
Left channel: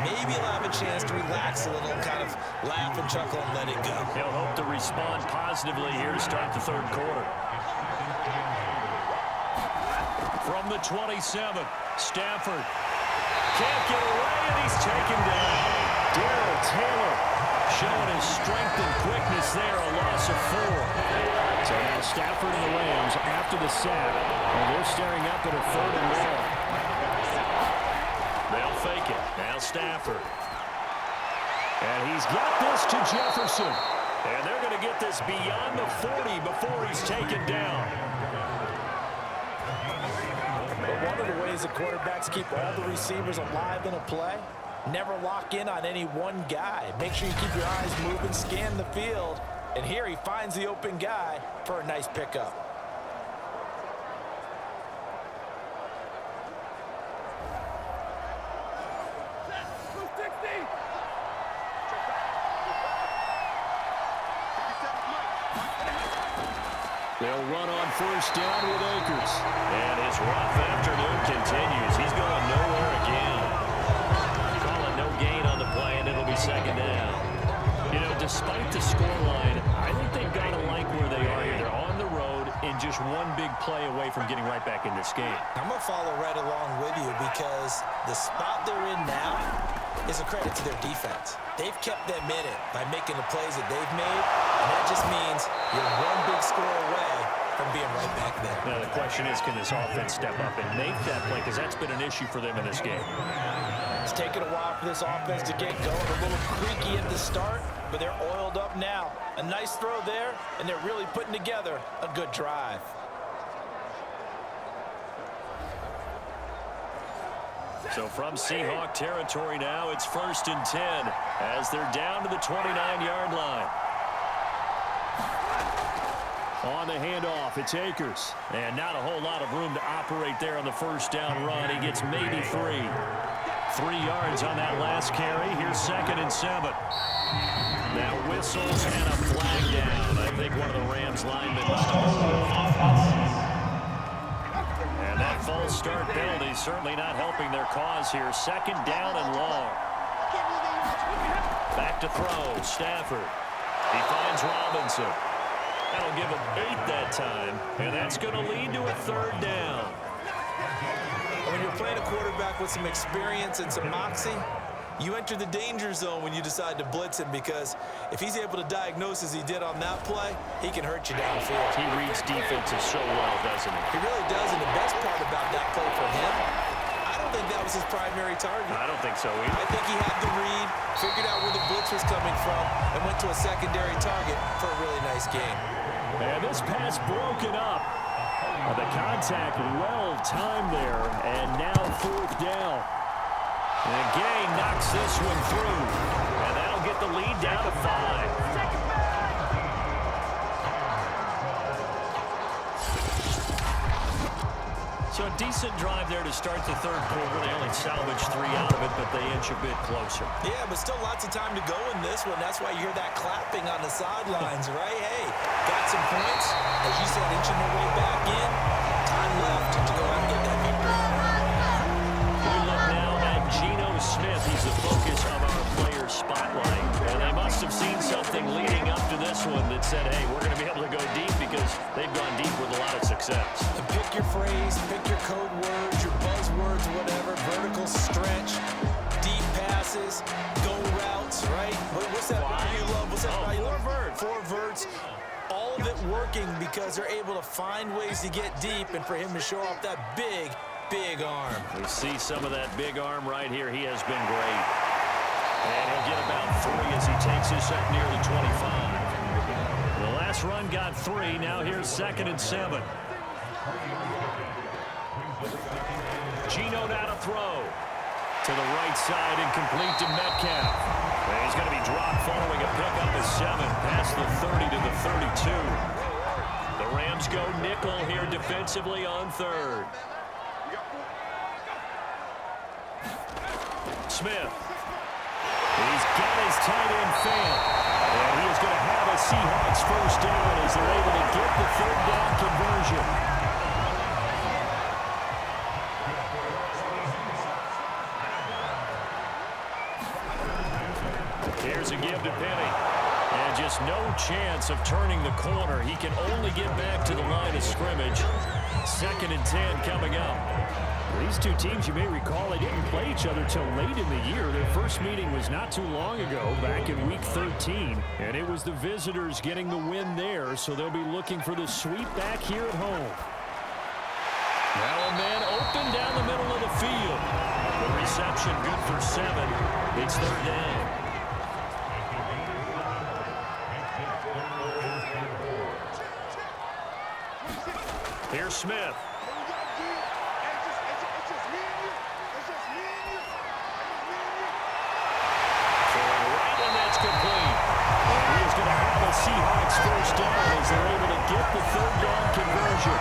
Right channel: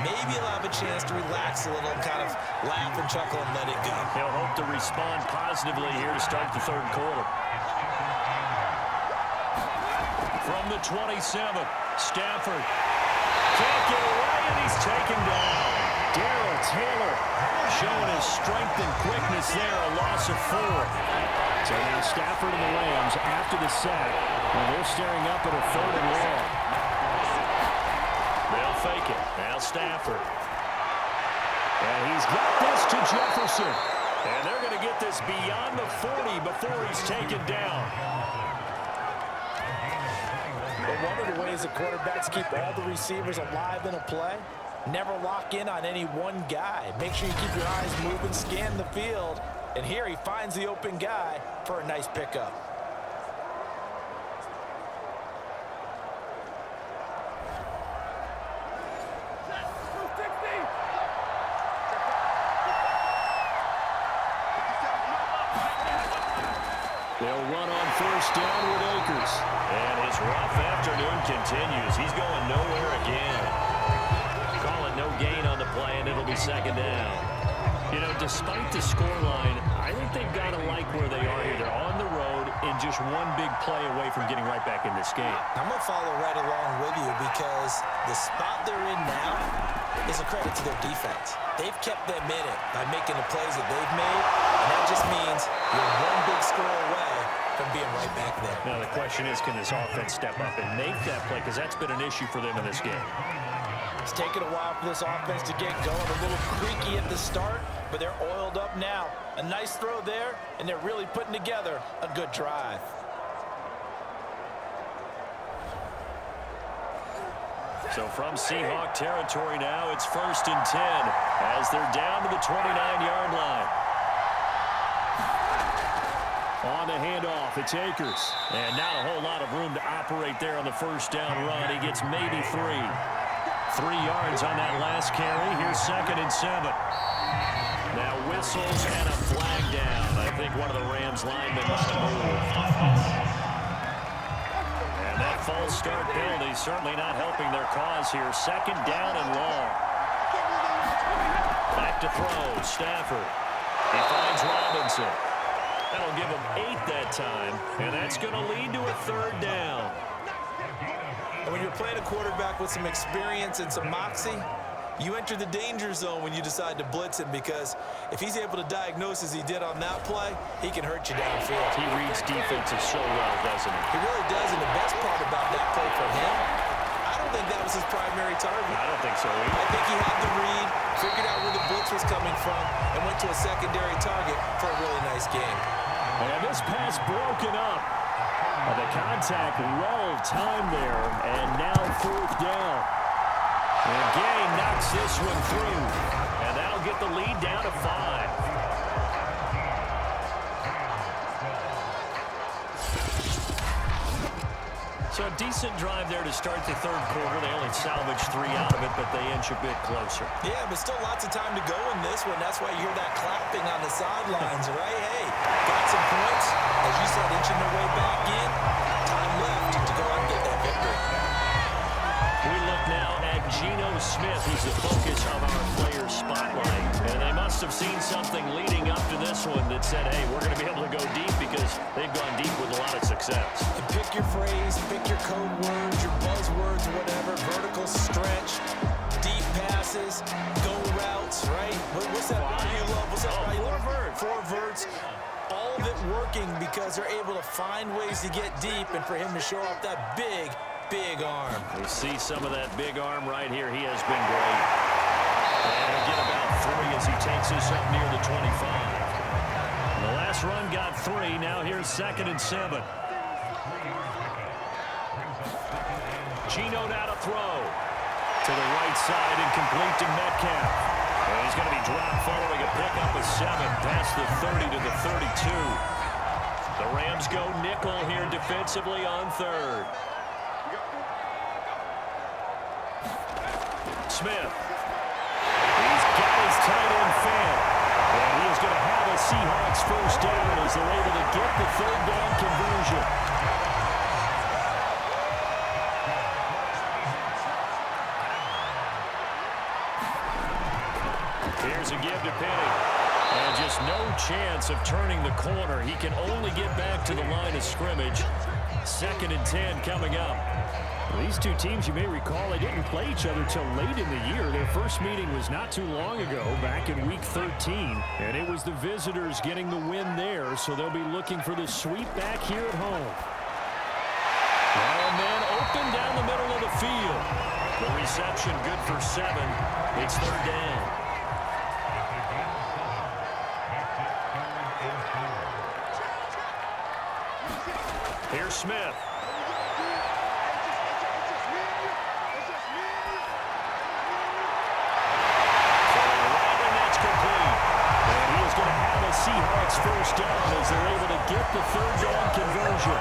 Maybe he'll have a chance to relax a little and kind of laugh and chuckle and let it go. He'll hope to respond positively here to start the 3rd quarter. From the 27, Stafford can't get away, and he's taken down. Darrell Taylor showing his strength and quickness there, a loss of 4. So now Stafford and the Rams after the sack, and they're staring up at a 3rd and long. They'll fake it. Now Stafford. And he's got this to Jefferson. And they're going to get this beyond the 40 before he's taken down. But one of the ways that quarterbacks keep all the receivers alive in a play, never lock in on any one guy. Make sure you keep your eyes moving, scan the field. And here he finds the open guy for a nice pickup. They'll run on 1st down with Akers. And his rough afternoon continues. He's going nowhere again. Call it no gain on the play, and it'll be 2nd down. You know, despite the scoreline, I think they've got to like where they are here. They're on the road and just one big play away from getting right back in this game. I'm going to follow right along with you because the spot they're in now, is a credit to their defense. They've kept them in it by making the plays that they've made, and that just means you're one big score away from being right back there. Now the question is, can this offense step up and make that play? Because that's been an issue for them in this game. It's taken a while for this offense to get going. A little creaky at the start, but they're oiled up now. A nice throw there, and they're really putting together a good drive. So from Seahawk territory now, it's 1st and 10 as they're down to the 29-yard line. On the handoff, it's Akers. And not a whole lot of room to operate there on the first down run. He gets maybe 3. 3 yards on that last carry. Here's 2nd and 7. Now whistles and a flag down. I think one of the Rams linemen might have moved. And that false start penalty certainly not helping their cause here. 2nd down and long. Back to throw. Stafford. He finds Robinson. That'll give him 8 that time. And that's going to lead to a 3rd down. And when you're playing a quarterback with some experience and some moxie, you enter the danger zone when you decide to blitz him, because if he's able to diagnose as he did on that play, he can hurt you downfield. He reads defenses so well, doesn't he? He really does, and the best part about that play for him, I don't think that was his primary target. I don't think so either. I think he had the read, figured out where the blitz was coming from, and went to a secondary target for a really nice game. And this pass broken up. The contact well timed there, and now 4th down. And Gay knocks this one through, and that'll get the lead down to 5. So a decent drive there to start the 3rd quarter. They only salvaged 3 out of it, but they inch a bit closer. Yeah, but still lots of time to go in this one. That's why you hear that clapping on the sidelines, right? Hey, got some points. As you said, inching their way back in. Time left to go out and get that victory. We look now at Geno Smith. He's the focus of our player spotlight. And they must have seen something leading up to this one that said, hey, we're going to be able to go deep, because they've gone deep with a lot of success. And pick your phrase, pick your code words, your buzzwords, whatever. Vertical stretch, deep passes, go routes, right? What's that route you love? What's that route you love? 4 verts. 4 verts. All of it working because they're able to find ways to get deep, and for him to show off that big arm. We see some of that big arm right here. He has been great. And he'll get about 3 as he takes this up near the 25. The last run got 3. Now here's 2nd and 7. Geno now to throw. To the right side and complete to Metcalf. And he's going to be dropped following a pickup of 7 past the 30 to the 32. The Rams go nickel here defensively on 3rd. Smith. He's got his tight end fan. And he is going to have a Seahawks 1st down as they're able to get the 3rd down conversion. Here's a give to Penny. And just no chance of turning the corner. He can only get back to the line of scrimmage. 2nd and 10 coming up. These two teams, you may recall, they didn't play each other till late in the year. Their first meeting was not too long ago, back in Week 13. And it was the visitors getting the win there, so they'll be looking for the sweep back here at home. Now a man open down the middle of the field. The reception good for 7. It's 3rd down. Here's Smith. Throwing right, and that's complete. And he is going to have a Seahawks 1st down as they're able to get the 3rd down conversion.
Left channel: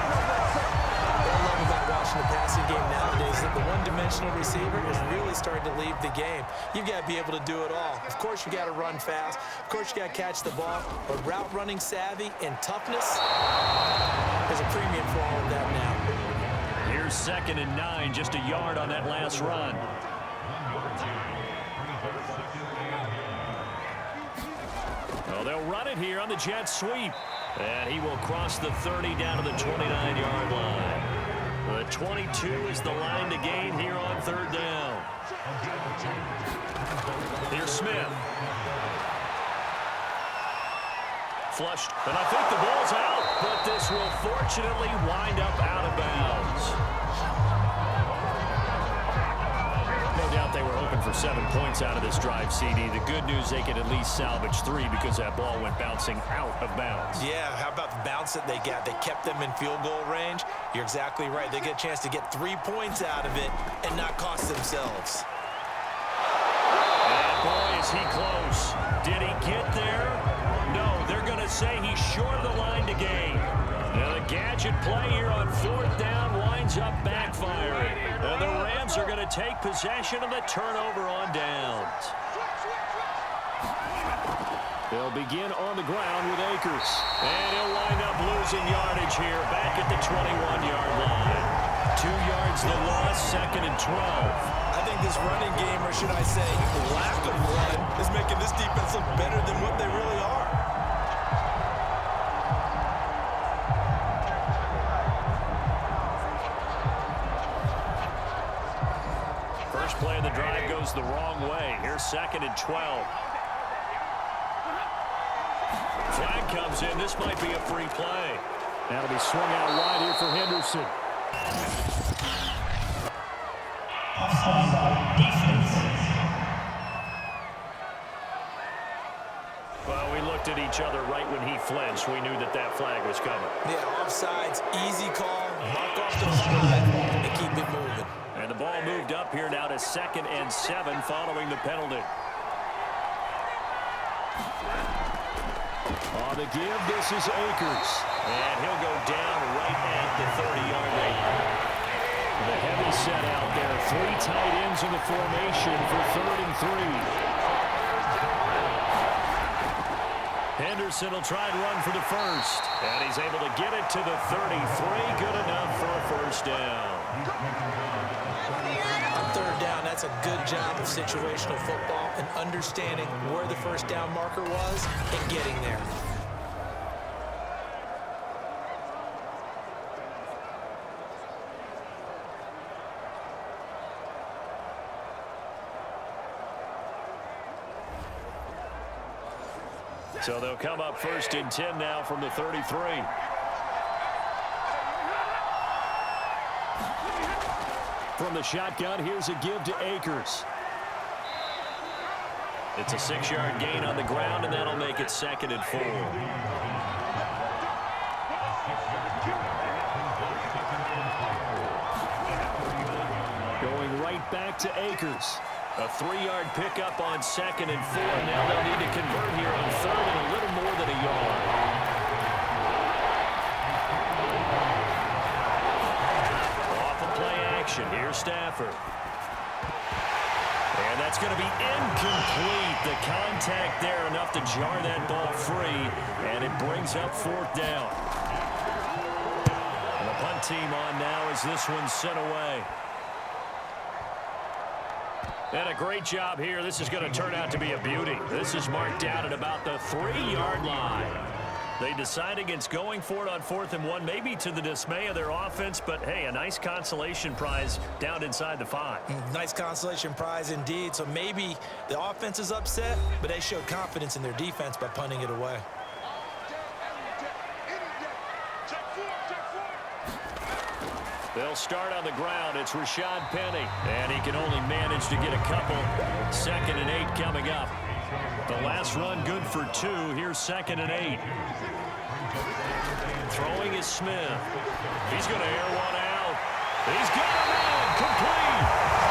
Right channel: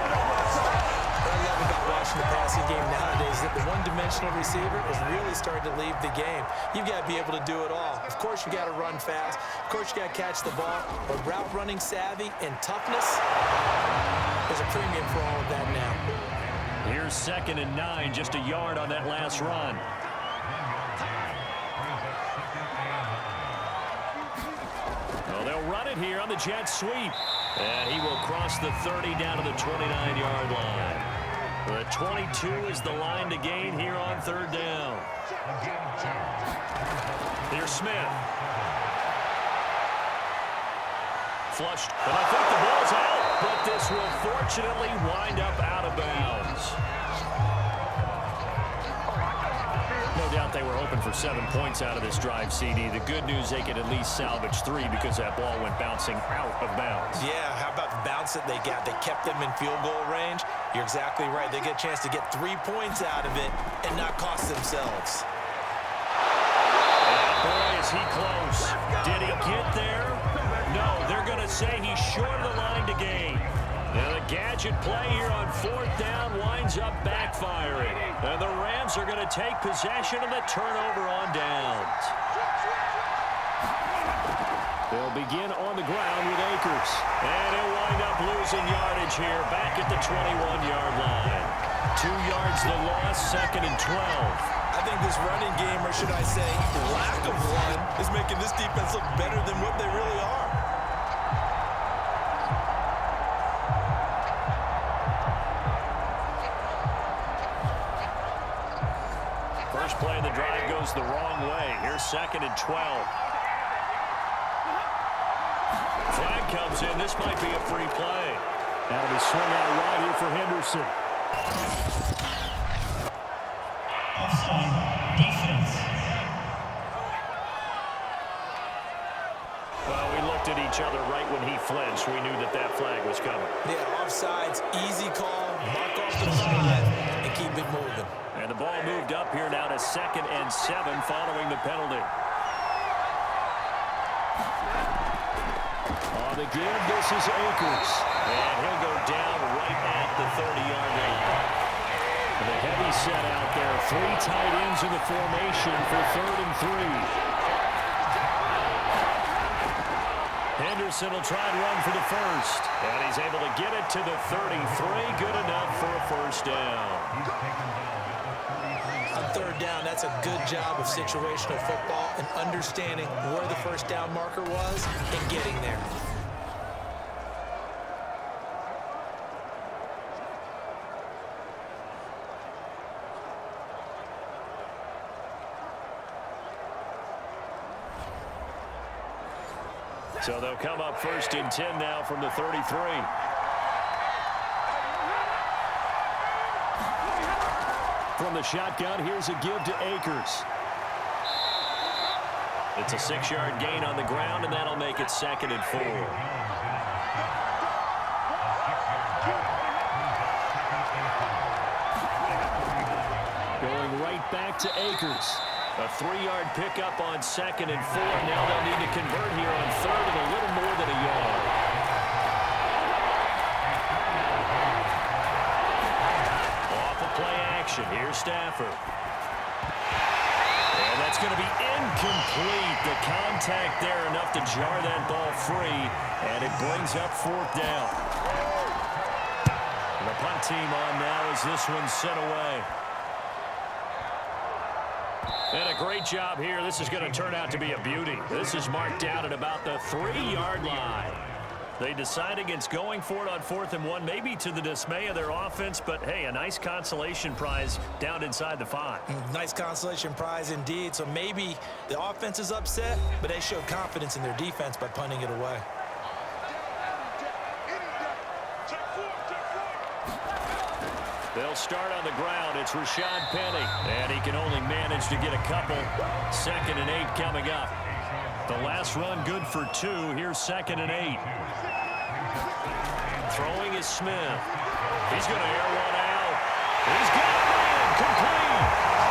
What I love about watching the passing game nowadays is that the one-dimensional receiver is really starting to leave the game. You've got to be able to do it all. Of course, you got to run fast. Of course, you got to catch the ball. But route running savvy and toughness, there's a premium for all of that now. Here's 2nd and 9, just a yard on that last run. Well, they'll run it here on the jet sweep. And he will cross the 30 down to the 29-yard line. The 22 is the line to gain here on third down. Here's Smith. Flushed, and I think the ball's out, but this will fortunately wind up out of bounds. No doubt they were hoping for 7 points out of this drive, CD. The good news, they could at least salvage 3 because that ball went bouncing out of bounds. Yeah, how about the bounce that they got? They kept them in field goal range. You're exactly right. They get a chance to get 3 points out of it and not cost themselves. And boy, is he close. Did he get there? No, they're going to say he's short of the line to gain. Now the gadget play here on fourth down winds up backfiring. And the Rams are going to take possession of the turnover on downs. They'll begin on the ground with Akers. And he'll wind up losing yardage here back at the 21-yard line. 2 yards the loss, 2nd and 12. I think this running game, or should I say lack of one, is making this defense look better than what they really are. First play of the drive goes the wrong way. Here's 2nd and 12. Flag comes in. This might be a free play. That'll be swung out wide here for Henderson. Offside defense. Well, we looked at each other right when he flinched. We knew that that flag was coming. Yeah, offsides, easy call, mark off the 5, and keep it moving. And the ball moved up here now to 2nd and 7 following the penalty. On the give, this is Akers. And he'll go down right at the 30-yard line. The heavy set out there. 3 tight ends in the formation for 3rd and 3. Henderson will try and run for the first. And he's able to get it to the 33. Good enough for a first down. On third down, that's a good job of situational football and understanding where the first down marker was and getting there. So they'll come up 1st and 10 now from the 33. From the shotgun, here's a give to Akers. It's a 6-yard gain on the ground, and that'll make it 2nd and 4. Going right back to Akers. A 3-yard pickup on 2nd and 4. Now they'll need to convert here on 3rd and a little more than a yard. Off of play action. Here's Stafford. And that's going to be incomplete. The contact there enough to jar that ball free. And it brings up 4th down. And the punt team on now as this one's sent away. And a great job here. This is going to turn out to be a beauty. This is marked out at about the 3-yard line. They decide against going for it on 4th and 1, maybe to the dismay of their offense, but hey, a nice consolation prize down inside the 5. Nice consolation prize indeed. So maybe the offense is upset, but they showed confidence in their defense by punting it away. They'll start on the ground. It's Rashad Penny, and he can only manage to get a couple. 2nd and 8 coming up. The last run good for 2. Here's 2nd and 8. Throwing is Smith. He's going to air one out. He's got a man complete.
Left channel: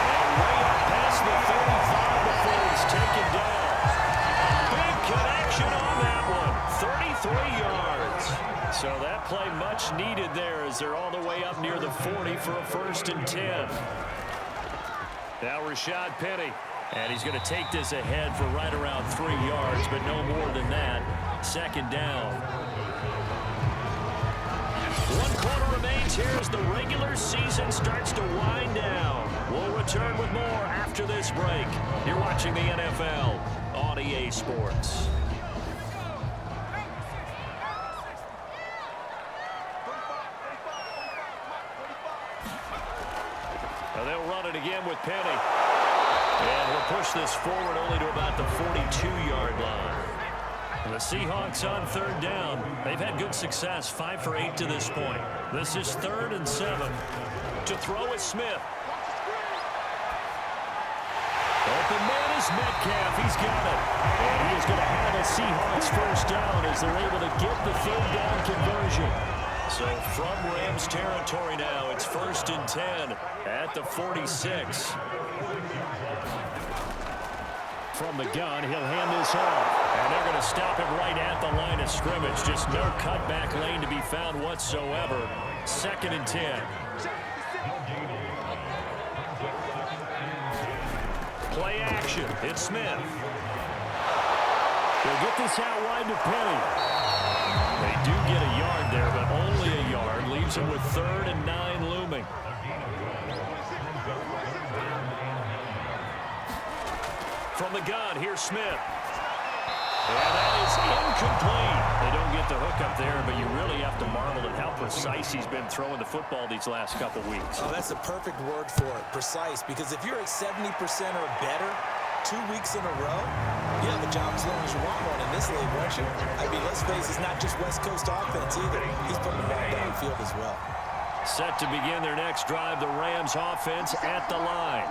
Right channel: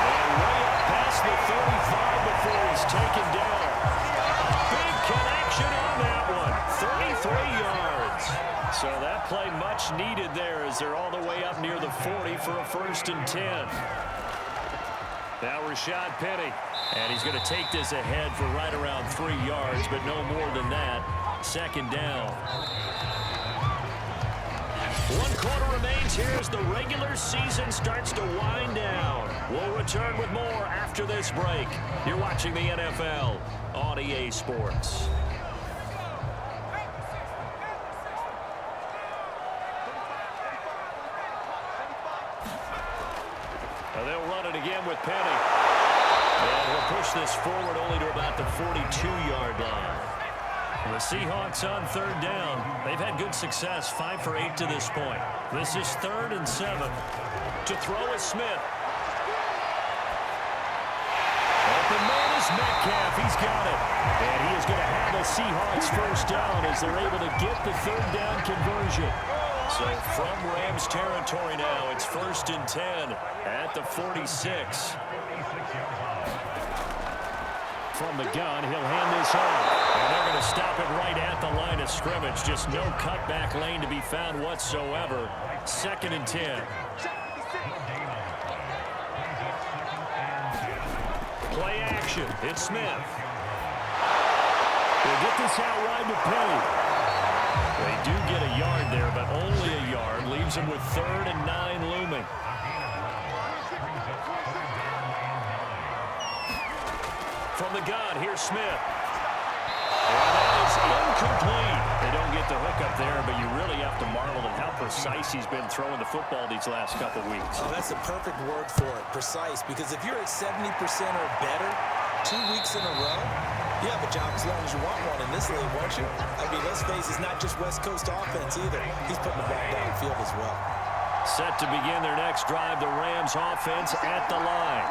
And way up past the 35 before he's taken down. Big connection on that one. 33 yards. So that play much needed there as they're all the way up near the 40 for a 1st and 10. Now Rashad Penny. And he's going to take this ahead for right around 3 yards, but no more than that. 2nd down. 1 quarter remains here as the regular season starts to wind down. We'll return with more after this break. You're watching the NFL on EA Sports. Now they'll run it again with Penny. And we'll push this forward only to about the 42-yard line. The Seahawks on third down. They've had good success, 5 for 8 to this point. This is 3rd and 7. To throw is Smith. Open man is Metcalf. He's got it. And he is going to have a Seahawks first down as they're able to get the 3rd down conversion. So from Rams territory now, it's 1st and 10 at the 46. From the gun, he'll hand this off. And they're going to stop it right at the line of scrimmage. Just no cutback lane to be found whatsoever. 2nd and 10. Play action. It's Smith. They'll get this out wide to Penny. They do get a yard there, but only a yard. Leaves them with 3rd and 9 looming. From the gun, here's Smith. And that is incomplete. They don't get the hook up there, but you really have to marvel at how precise he's been throwing the football these last couple weeks. Oh, that's the perfect word for it, precise, because if you're at 70% or better 2 weeks in a row, you have a job as long as you want one in this league, won't you? I mean, let's face it, it's not just West Coast offense either. He's putting the ball downfield as well. Set to begin their next drive, the Rams offense at the line.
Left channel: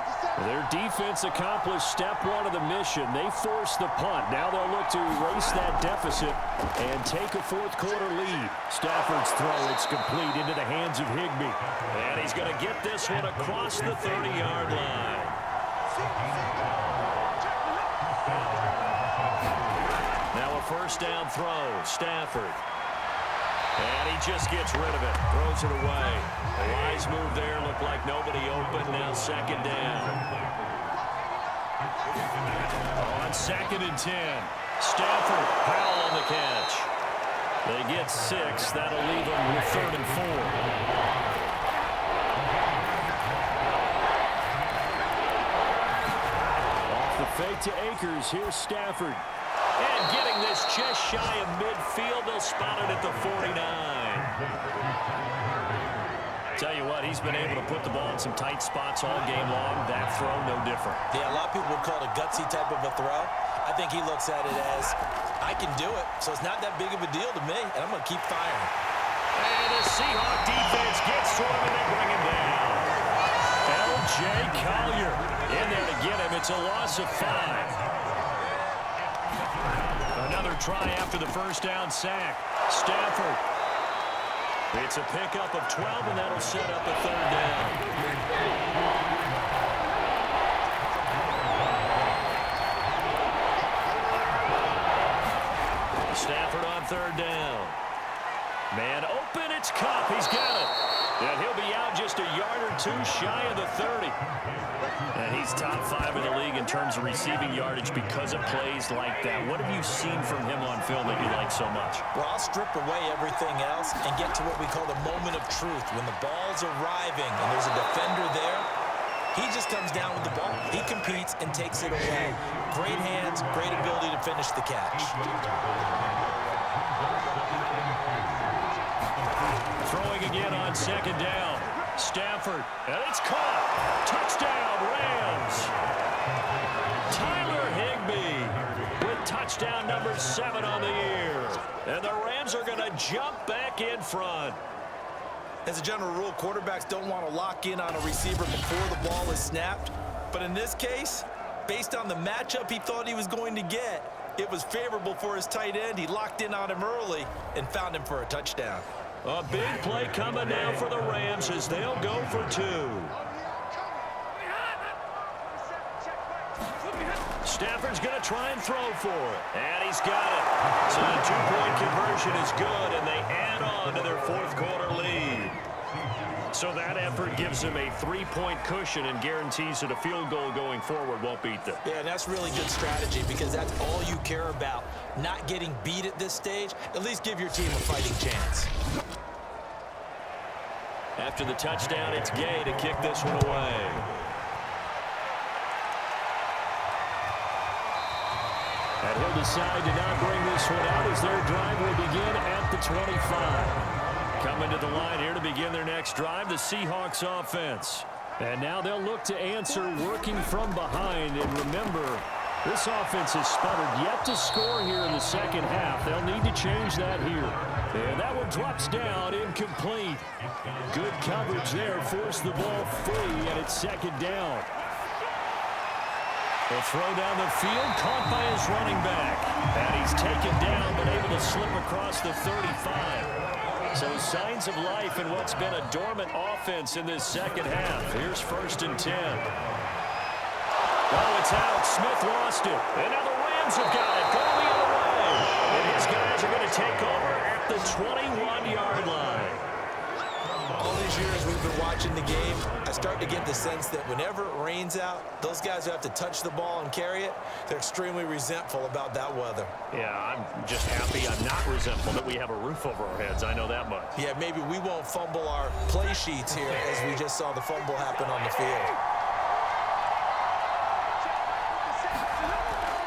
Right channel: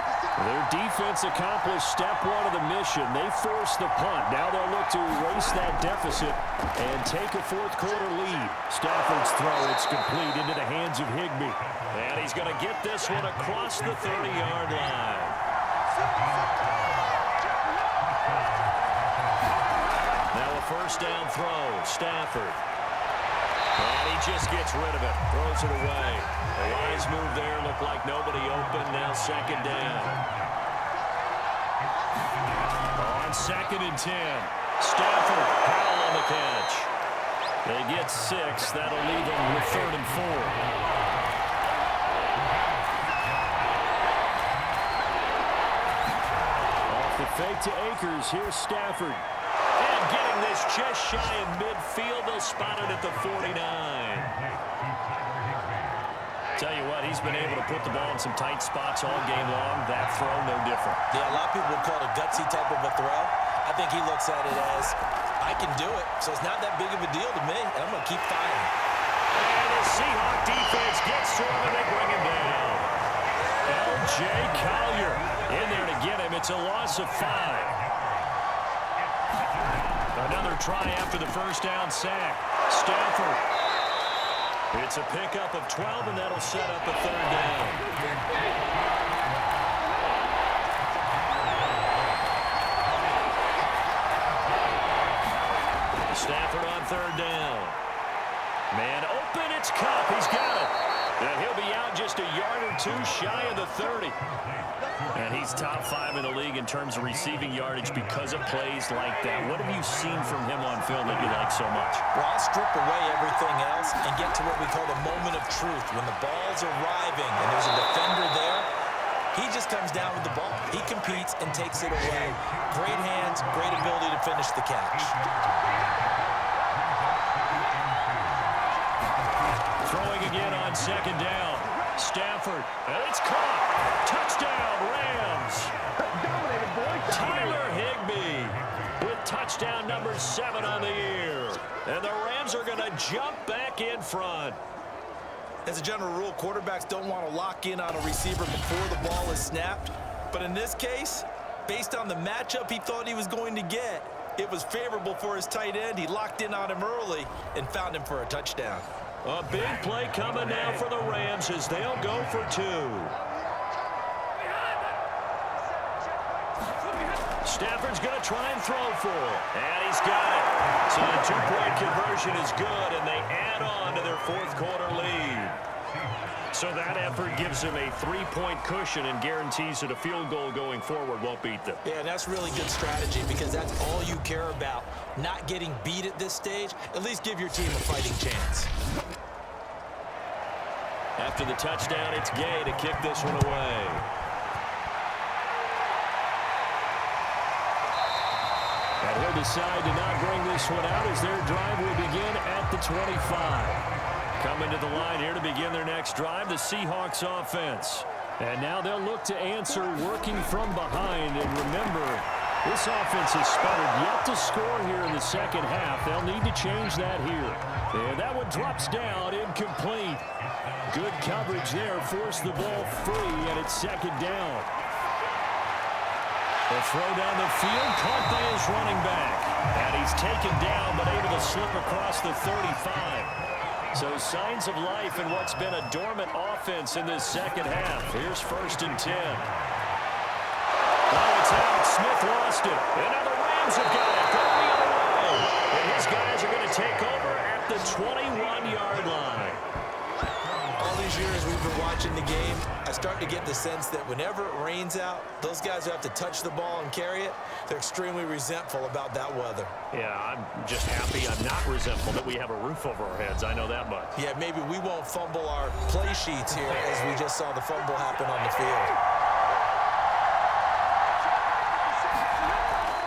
Their defense accomplished step 1 of the mission. They forced the punt. Now they'll look to erase that deficit and take a 4th quarter lead. Stafford's throw, it's complete into the hands of Higbee. And he's going to get this one across the 30-yard line. Now a 1st down throw, Stafford. And he just gets rid of it, throws it away. The wise move there, looked like nobody open, now 2nd down. On 2nd and 10, Stafford, Powell on the catch. They get 6, that'll leave them with 3rd and 4. Off the fake to Akers, here's Stafford. And getting this just shy of midfield, they'll spot it at the 49. Tell you what, he's been able to put the ball in some tight spots all game long. That throw, no different. Yeah, a lot of people would call it a gutsy type of a throw. I think he looks at it as, I can do it, so it's not that big of a deal to me, and I'm going to keep firing. And the Seahawk defense gets to him, and they bring him down. L.J. Collier in there to get him. It's a loss of 5. Another try after the 1st down sack. Stafford. It's a pickup of 12, and that'll set up a 3rd down. Stafford on 3rd down. Man open, it's Kupp. He's got it. And he'll be out just a yard or 2 shy of the 30. And he's top 5 in the league in terms of receiving yardage because of plays like that. What have you seen from him on film that you like so much? Well, I'll strip away everything else and get to what we call the moment of truth. When the ball's arriving and there's a defender there, he just comes down with the ball. He competes and takes it away. Great hands, great ability to finish the catch. Throwing again on 2nd down. Stafford, and it's caught. Touchdown, Rams. Tyler Higbee with touchdown number 7 on the year. And the Rams are going to jump back in front. As a general rule, quarterbacks don't want to lock in on a receiver before the ball is snapped. But in this case, based on the matchup he thought he was going to get, it was favorable for his tight end. He locked in on him early and found him for a touchdown. A big play coming now for the Rams as they'll go for 2. Stafford's going to try and throw for it. And he's got it. So the 2-point conversion is good, and they add on to their 4th quarter lead. So that effort gives them a 3-point cushion and guarantees that a field goal going forward won't beat them. Yeah, that's really good strategy because that's all you care about. Not getting beat at this stage. At least give your team a fighting chance. After the touchdown, it's Gay to kick this one away. And he'll decide to not bring this one out as their drive will begin at the 25. Coming to the line here to begin their next drive, the Seahawks offense. And now they'll look to answer working from behind. And remember, this offense has sputtered yet to score here in the second half. They'll need to change that here. And that one drops down, incomplete. Good coverage there, forced the ball free, and it's second down. A throw down the field, caught by his running back. And he's taken down, but able to slip across the 35. So signs of life in what's been a dormant offense in this second half. Here's 1st and 10. Oh, it's out. Smith lost it. And now the Rams have got it. Going the other way. And his guys are going to take over at the 21-yard line. All these years we've been watching the game, I start to get the sense that whenever it rains out, those guys who have to touch the ball and carry it, they're extremely resentful about that weather. Yeah, I'm just happy I'm not resentful that we have a roof over our heads. I know that much. Yeah, maybe we won't fumble our play sheets here as we just saw the fumble happen on the field.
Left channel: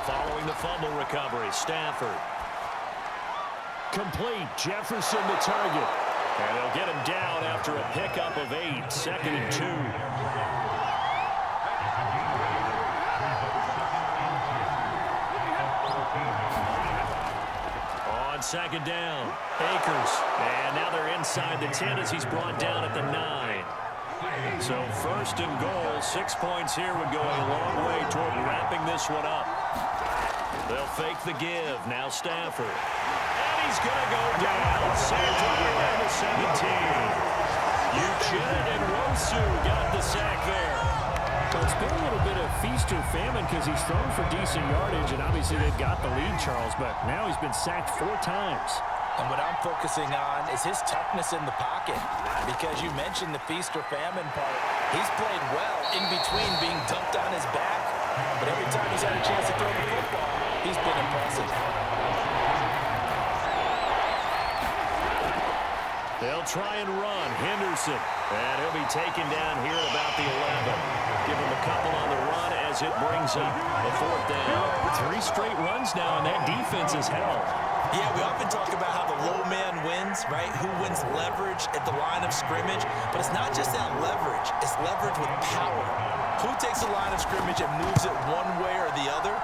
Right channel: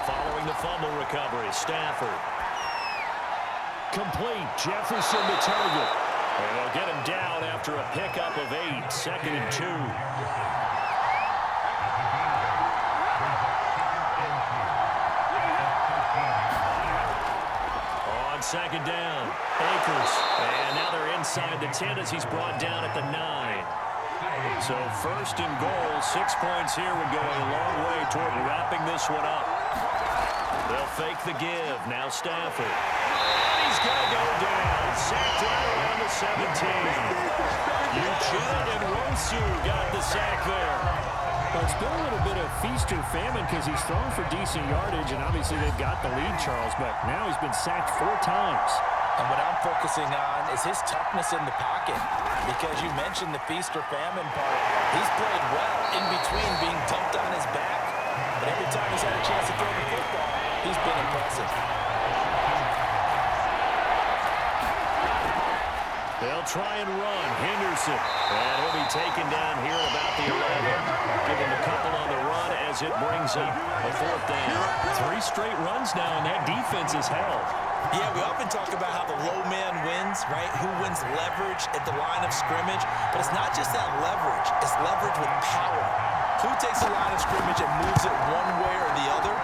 Following the fumble recovery, Stafford. Complete. Jefferson to target. And they'll get him down after a pickup of 8. 2nd and 2. On 2nd down, Akers. And now they're inside the 10 as he's brought down at the 9. So 1st and goal, 6 points here would go a long way toward wrapping this one up. They'll fake the give. Now Stafford. And he's going to go down. Sacked right around the 17. Uchenna and Wosu got the sack there. Well, it's been a little bit of feast or famine because he's thrown for decent yardage, and obviously they've got the lead, Charles, but now he's been sacked 4 times. And what I'm focusing on is his toughness in the pocket, because you mentioned the feast or famine part. He's played well in between being dumped on his back, but every time he's had a chance to throw the football, he's been impressive. They'll try and run. Henderson. And he'll be taken down here at about the 11. Give him a couple on the run as it brings up a 4th down. 3 straight runs now, and that defense is held. Yeah, we often talk about how the low man wins, right? Who wins leverage at the line of scrimmage. But it's not just that leverage. It's leverage with power. Who takes the line of scrimmage and moves it one way or the other?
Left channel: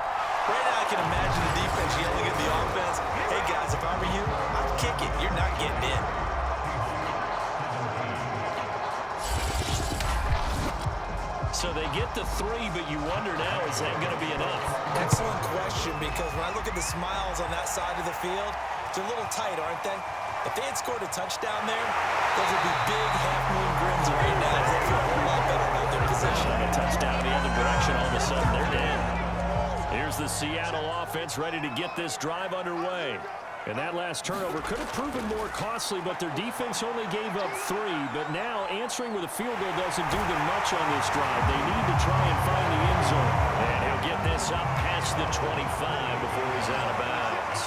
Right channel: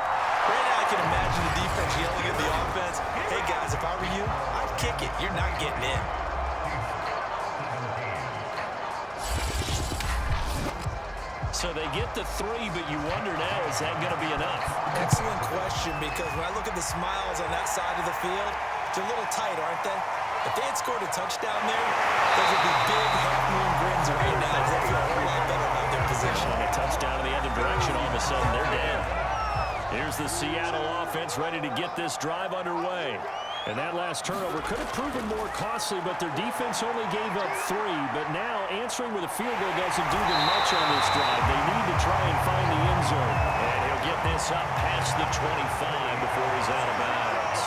Right now I can imagine the defense yelling at the offense, hey guys, if I were you, I'd kick it. You're not getting in. So they get the 3, but you wonder now, is that going to be enough? Excellent question, because when I look at the smiles on that side of the field, they're a little tight, aren't they? If they had scored a touchdown there, those would be big half-moon grins right now. They feel a whole lot better about their position. A touchdown in the other direction, all of a sudden they're down. Here's the Seattle offense ready to get this drive underway. And that last turnover could have proven more costly, but their defense only gave up 3. But now answering with a field goal doesn't do them much on this drive. They need to try and find the end zone. And he'll get this up past the 25 before he's out of bounds.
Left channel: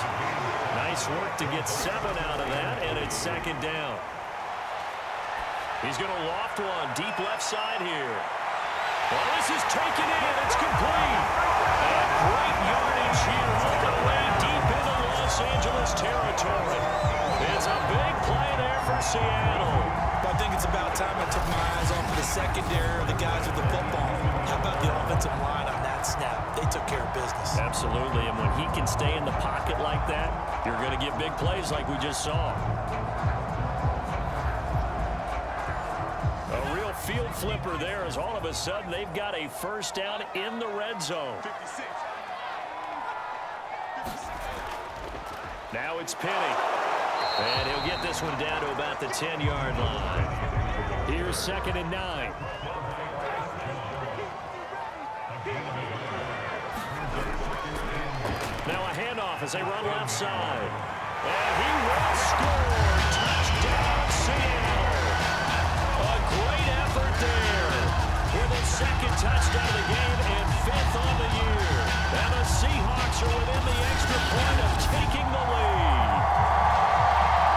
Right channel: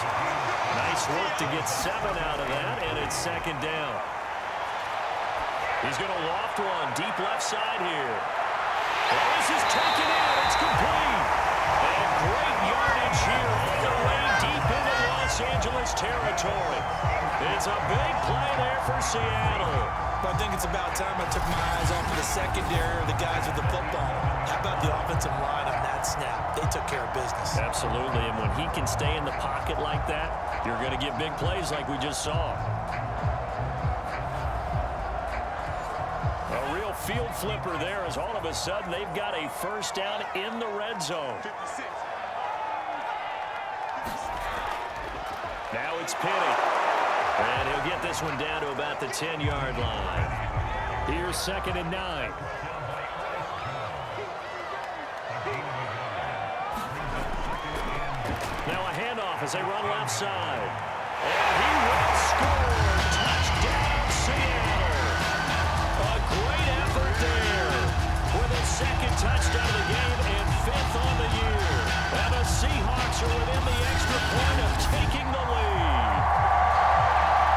Nice work to get 7 out of that, and it's 2nd down. He's going to loft one deep left side here. Well, this is taken in. It's complete. And great yardage here all the way deep into Los Angeles territory. It's a big play there for Seattle. I think it's about time I took my eyes off of the secondary or the guys with the football. How about the offensive line on that snap? They took care of business. Absolutely, and when he can stay in the pocket like that, you're going to get big plays like we just saw. A real field flipper there as all of a sudden they've got a 1st down in the red zone. 56. Now it's Penny. And he'll get this one down to about the 10-yard line. Here's 2nd and 9. Now a handoff as they run left side. And he will score. Touchdown, Seattle. A great effort there. For the 2nd touchdown of the game and 5th on the year. And the Seahawks are within the extra point of taking the lead.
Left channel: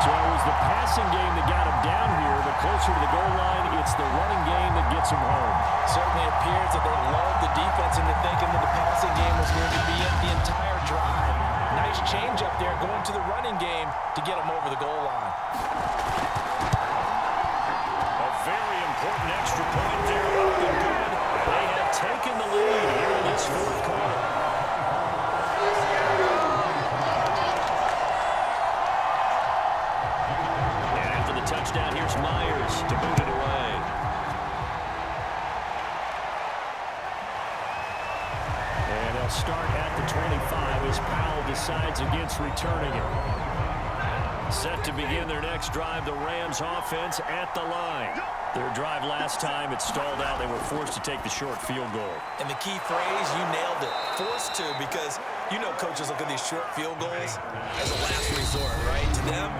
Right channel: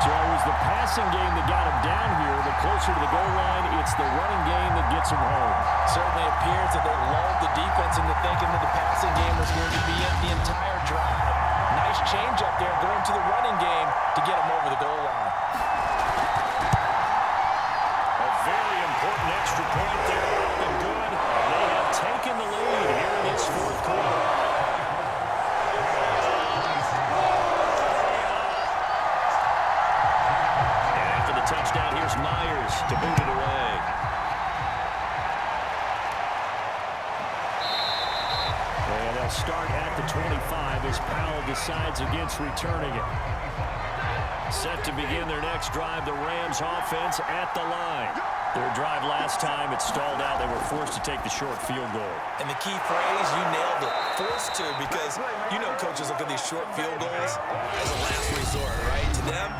So it was the passing game that got him down here, but closer to the goal line, it's the running game that gets him home. Certainly appears that they lulled the defense into thinking that the passing game was going to be it the entire drive. Nice change up there going to the running game to get him over the goal line. A very important extra point there up touchdown. Here's Myers to boot it away. And they'll start at the 25 as Powell decides against returning it. Set to begin their next drive, the Rams offense at the line. Their drive last time, it stalled out. They were forced to take the short field goal. And the key phrase, you nailed it. Forced to, because you know coaches look at these short field goals as a last resort, right? To them,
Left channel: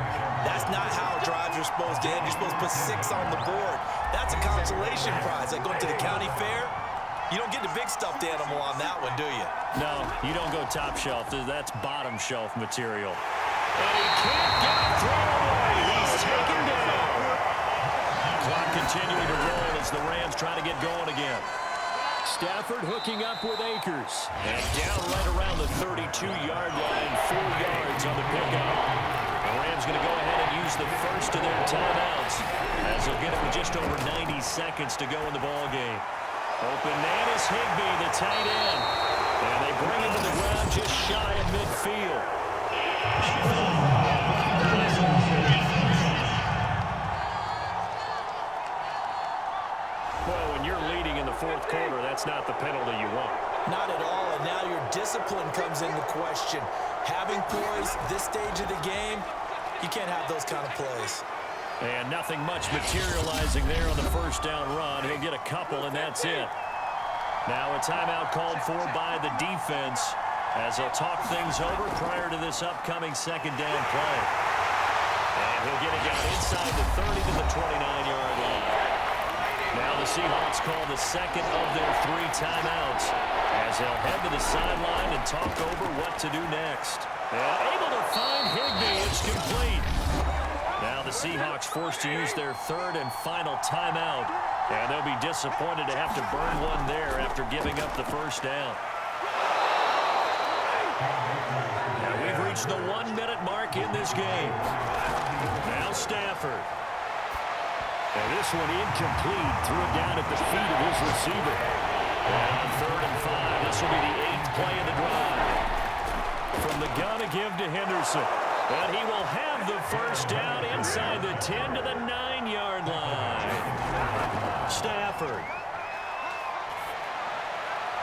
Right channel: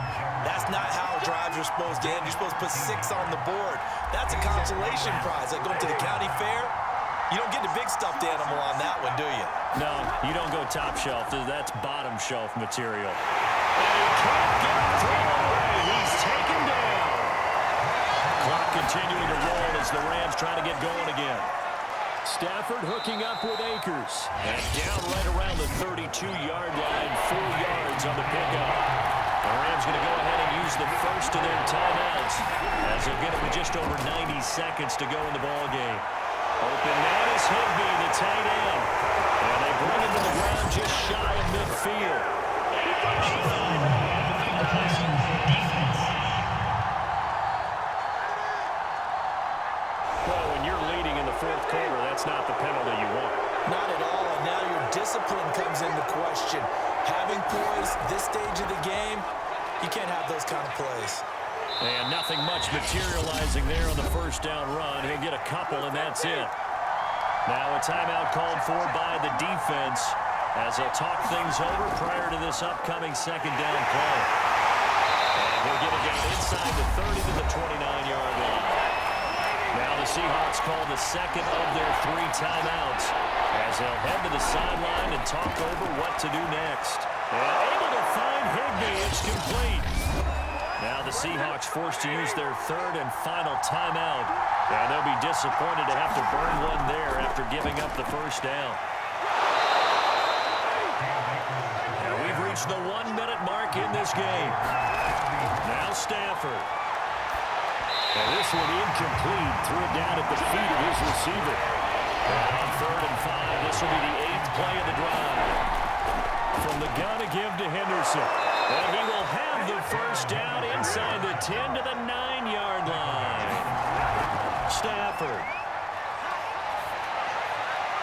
that's not how drives are supposed to end. You're supposed to put 6 on the board. That's a consolation prize. Like going to the county fair, you don't get the big stuffed animal on that one, do you? No, you don't go top shelf. That's bottom shelf material. And he can't get a throw away. He's taken down. Clock continuing to roll as the Rams try to get going again. Stafford hooking up with Akers. And down right around the 32-yard line, 4 yards on the pickup. The Rams going to go ahead and use the first of their timeouts as they'll get it with just over 90 seconds to go in the ball game. Open man is Higbee, the tight end. And they bring him to the ground just shy of midfield. Well, when you're leading in the fourth quarter, that's not the penalty you want. Not at all, and now your discipline comes into question. Having poise this stage of the game, you can't have those kind of plays. And nothing much materializing there on the first down run. He'll get a couple, and that's it. Now a timeout called for by the defense as they'll talk things over prior to this upcoming second down play. And he'll get it down inside the 30 to the 29-yard line. Now the Seahawks call the second of their 3 timeouts as they'll head to the sideline and talk over what to do next. And able to find Higbee. It's complete. Now the Seahawks forced to use their 3rd and final timeout, and they'll be disappointed to have to burn one there after giving up the first down. Now we've reached the 1-minute mark in this game. Now Stafford. And this one incomplete. Threw it down at the feet of his receiver. And on 3rd and 5, this will be the 8th play of the drive. From the gun to give to Henderson. And he will have the first down inside the 10 to the 9-yard line. Stafford.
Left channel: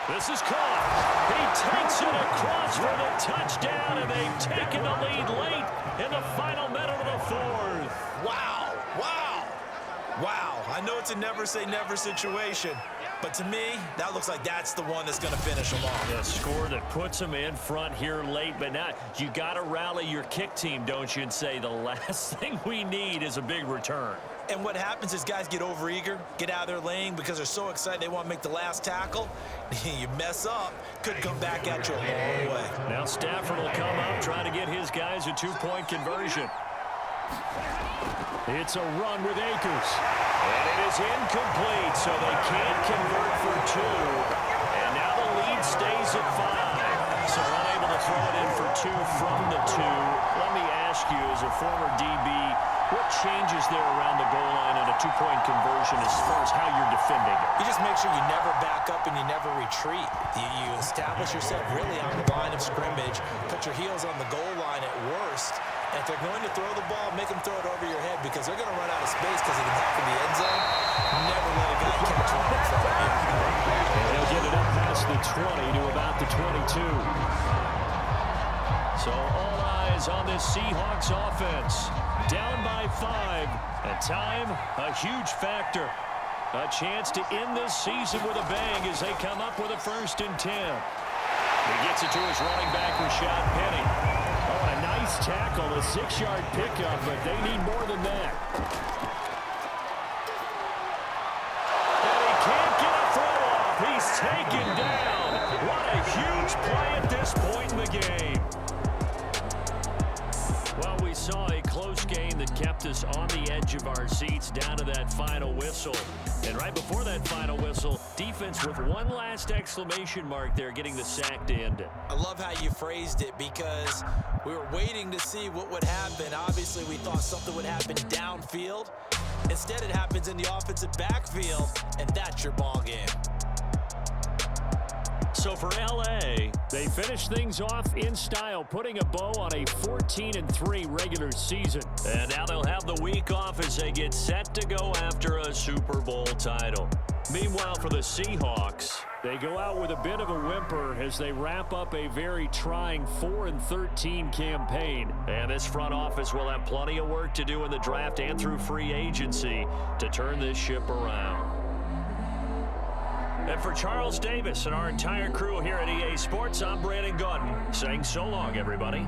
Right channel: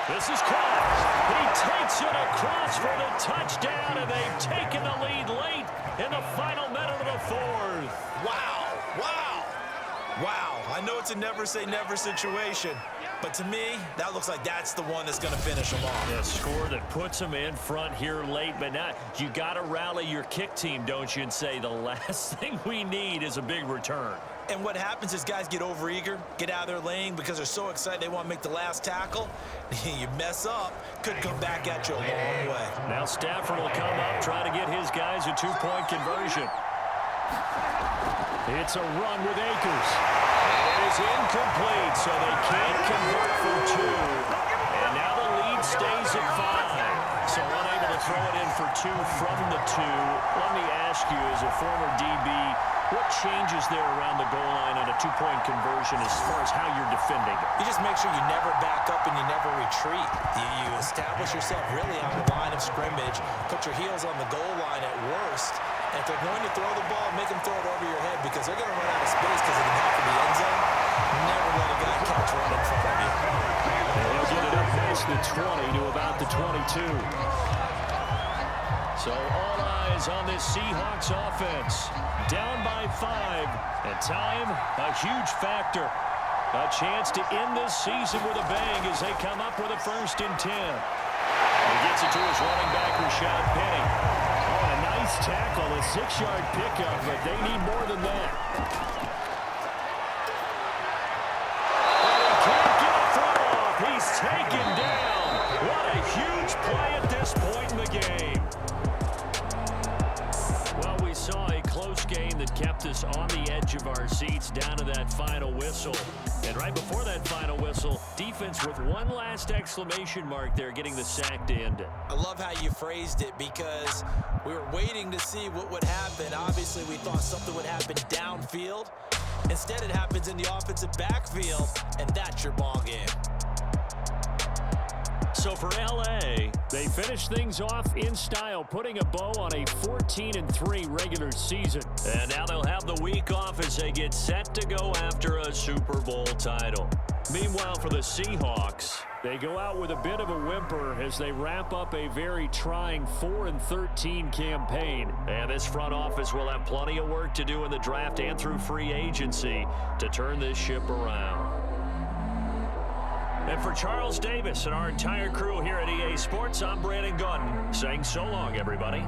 This is caught. He takes it across for the touchdown, and they've taken the lead late in the final minute of the 4th. Wow, wow, wow. I know it's a never-say-never situation, but to me, that looks like that's the one that's going to finish them off. A score that puts them in front here late, but not. You got to rally your kick team, don't you, and say the last thing we need is a big return. And what happens is guys get overeager, get out of their lane because they're so excited they want to make the last tackle. You mess up, could come back at you a long way. Now Stafford will come up trying to get his guys a 2-point conversion. It's a run with Akers. And it is incomplete, so they can't convert for 2. And now the lead stays at 5. So unable to throw it in for 2 from the 2. Let me ask you, as a former DB, what changes there around the goal line on a 2-point conversion as far as how you're defending it? You just make sure you never back up and you never retreat. You establish yourself really on the line of scrimmage, put your heels on the goal line at worst. And if they're going to throw the ball, make them throw it over your head because they're going to run out of space because of the back of the end zone. Never let a guy catch one in front of you. And he'll get it up past the 20 to about the 22. So all eyes on this Seahawks offense. Down by 5. And time, a huge factor. A chance to end this season with a bang as they come up with a 1st and 10. He gets it to his running back, Rashad Penny. Oh, and a nice tackle, a 6-yard pickup, but they need more than that. And he can't get a throw off. He's taken down. What a huge play at this point in the game. Well, we saw a close game that kept us on the edge of our seats down to that final whistle. And right before that final whistle, defense with one last exclamation mark there, getting the sack to end it. I love how you phrased it because we were waiting to see what would happen. Obviously, we thought something would happen downfield. Instead, it happens in the offensive backfield, and that's your ball game. so for L.A., they finish things off in style, putting a bow on a 14-3 regular season. And now they'll have the week off as they get set to go after a Super Bowl title. Meanwhile, for the Seahawks, they go out with a bit of a whimper as they wrap up a very trying 4-13 campaign. And this front office will have plenty of work to do in the draft and through free agency to turn this ship around. And for Charles Davis and our entire crew here at EA Sports, I'm Brandon Gaudin saying so long, everybody.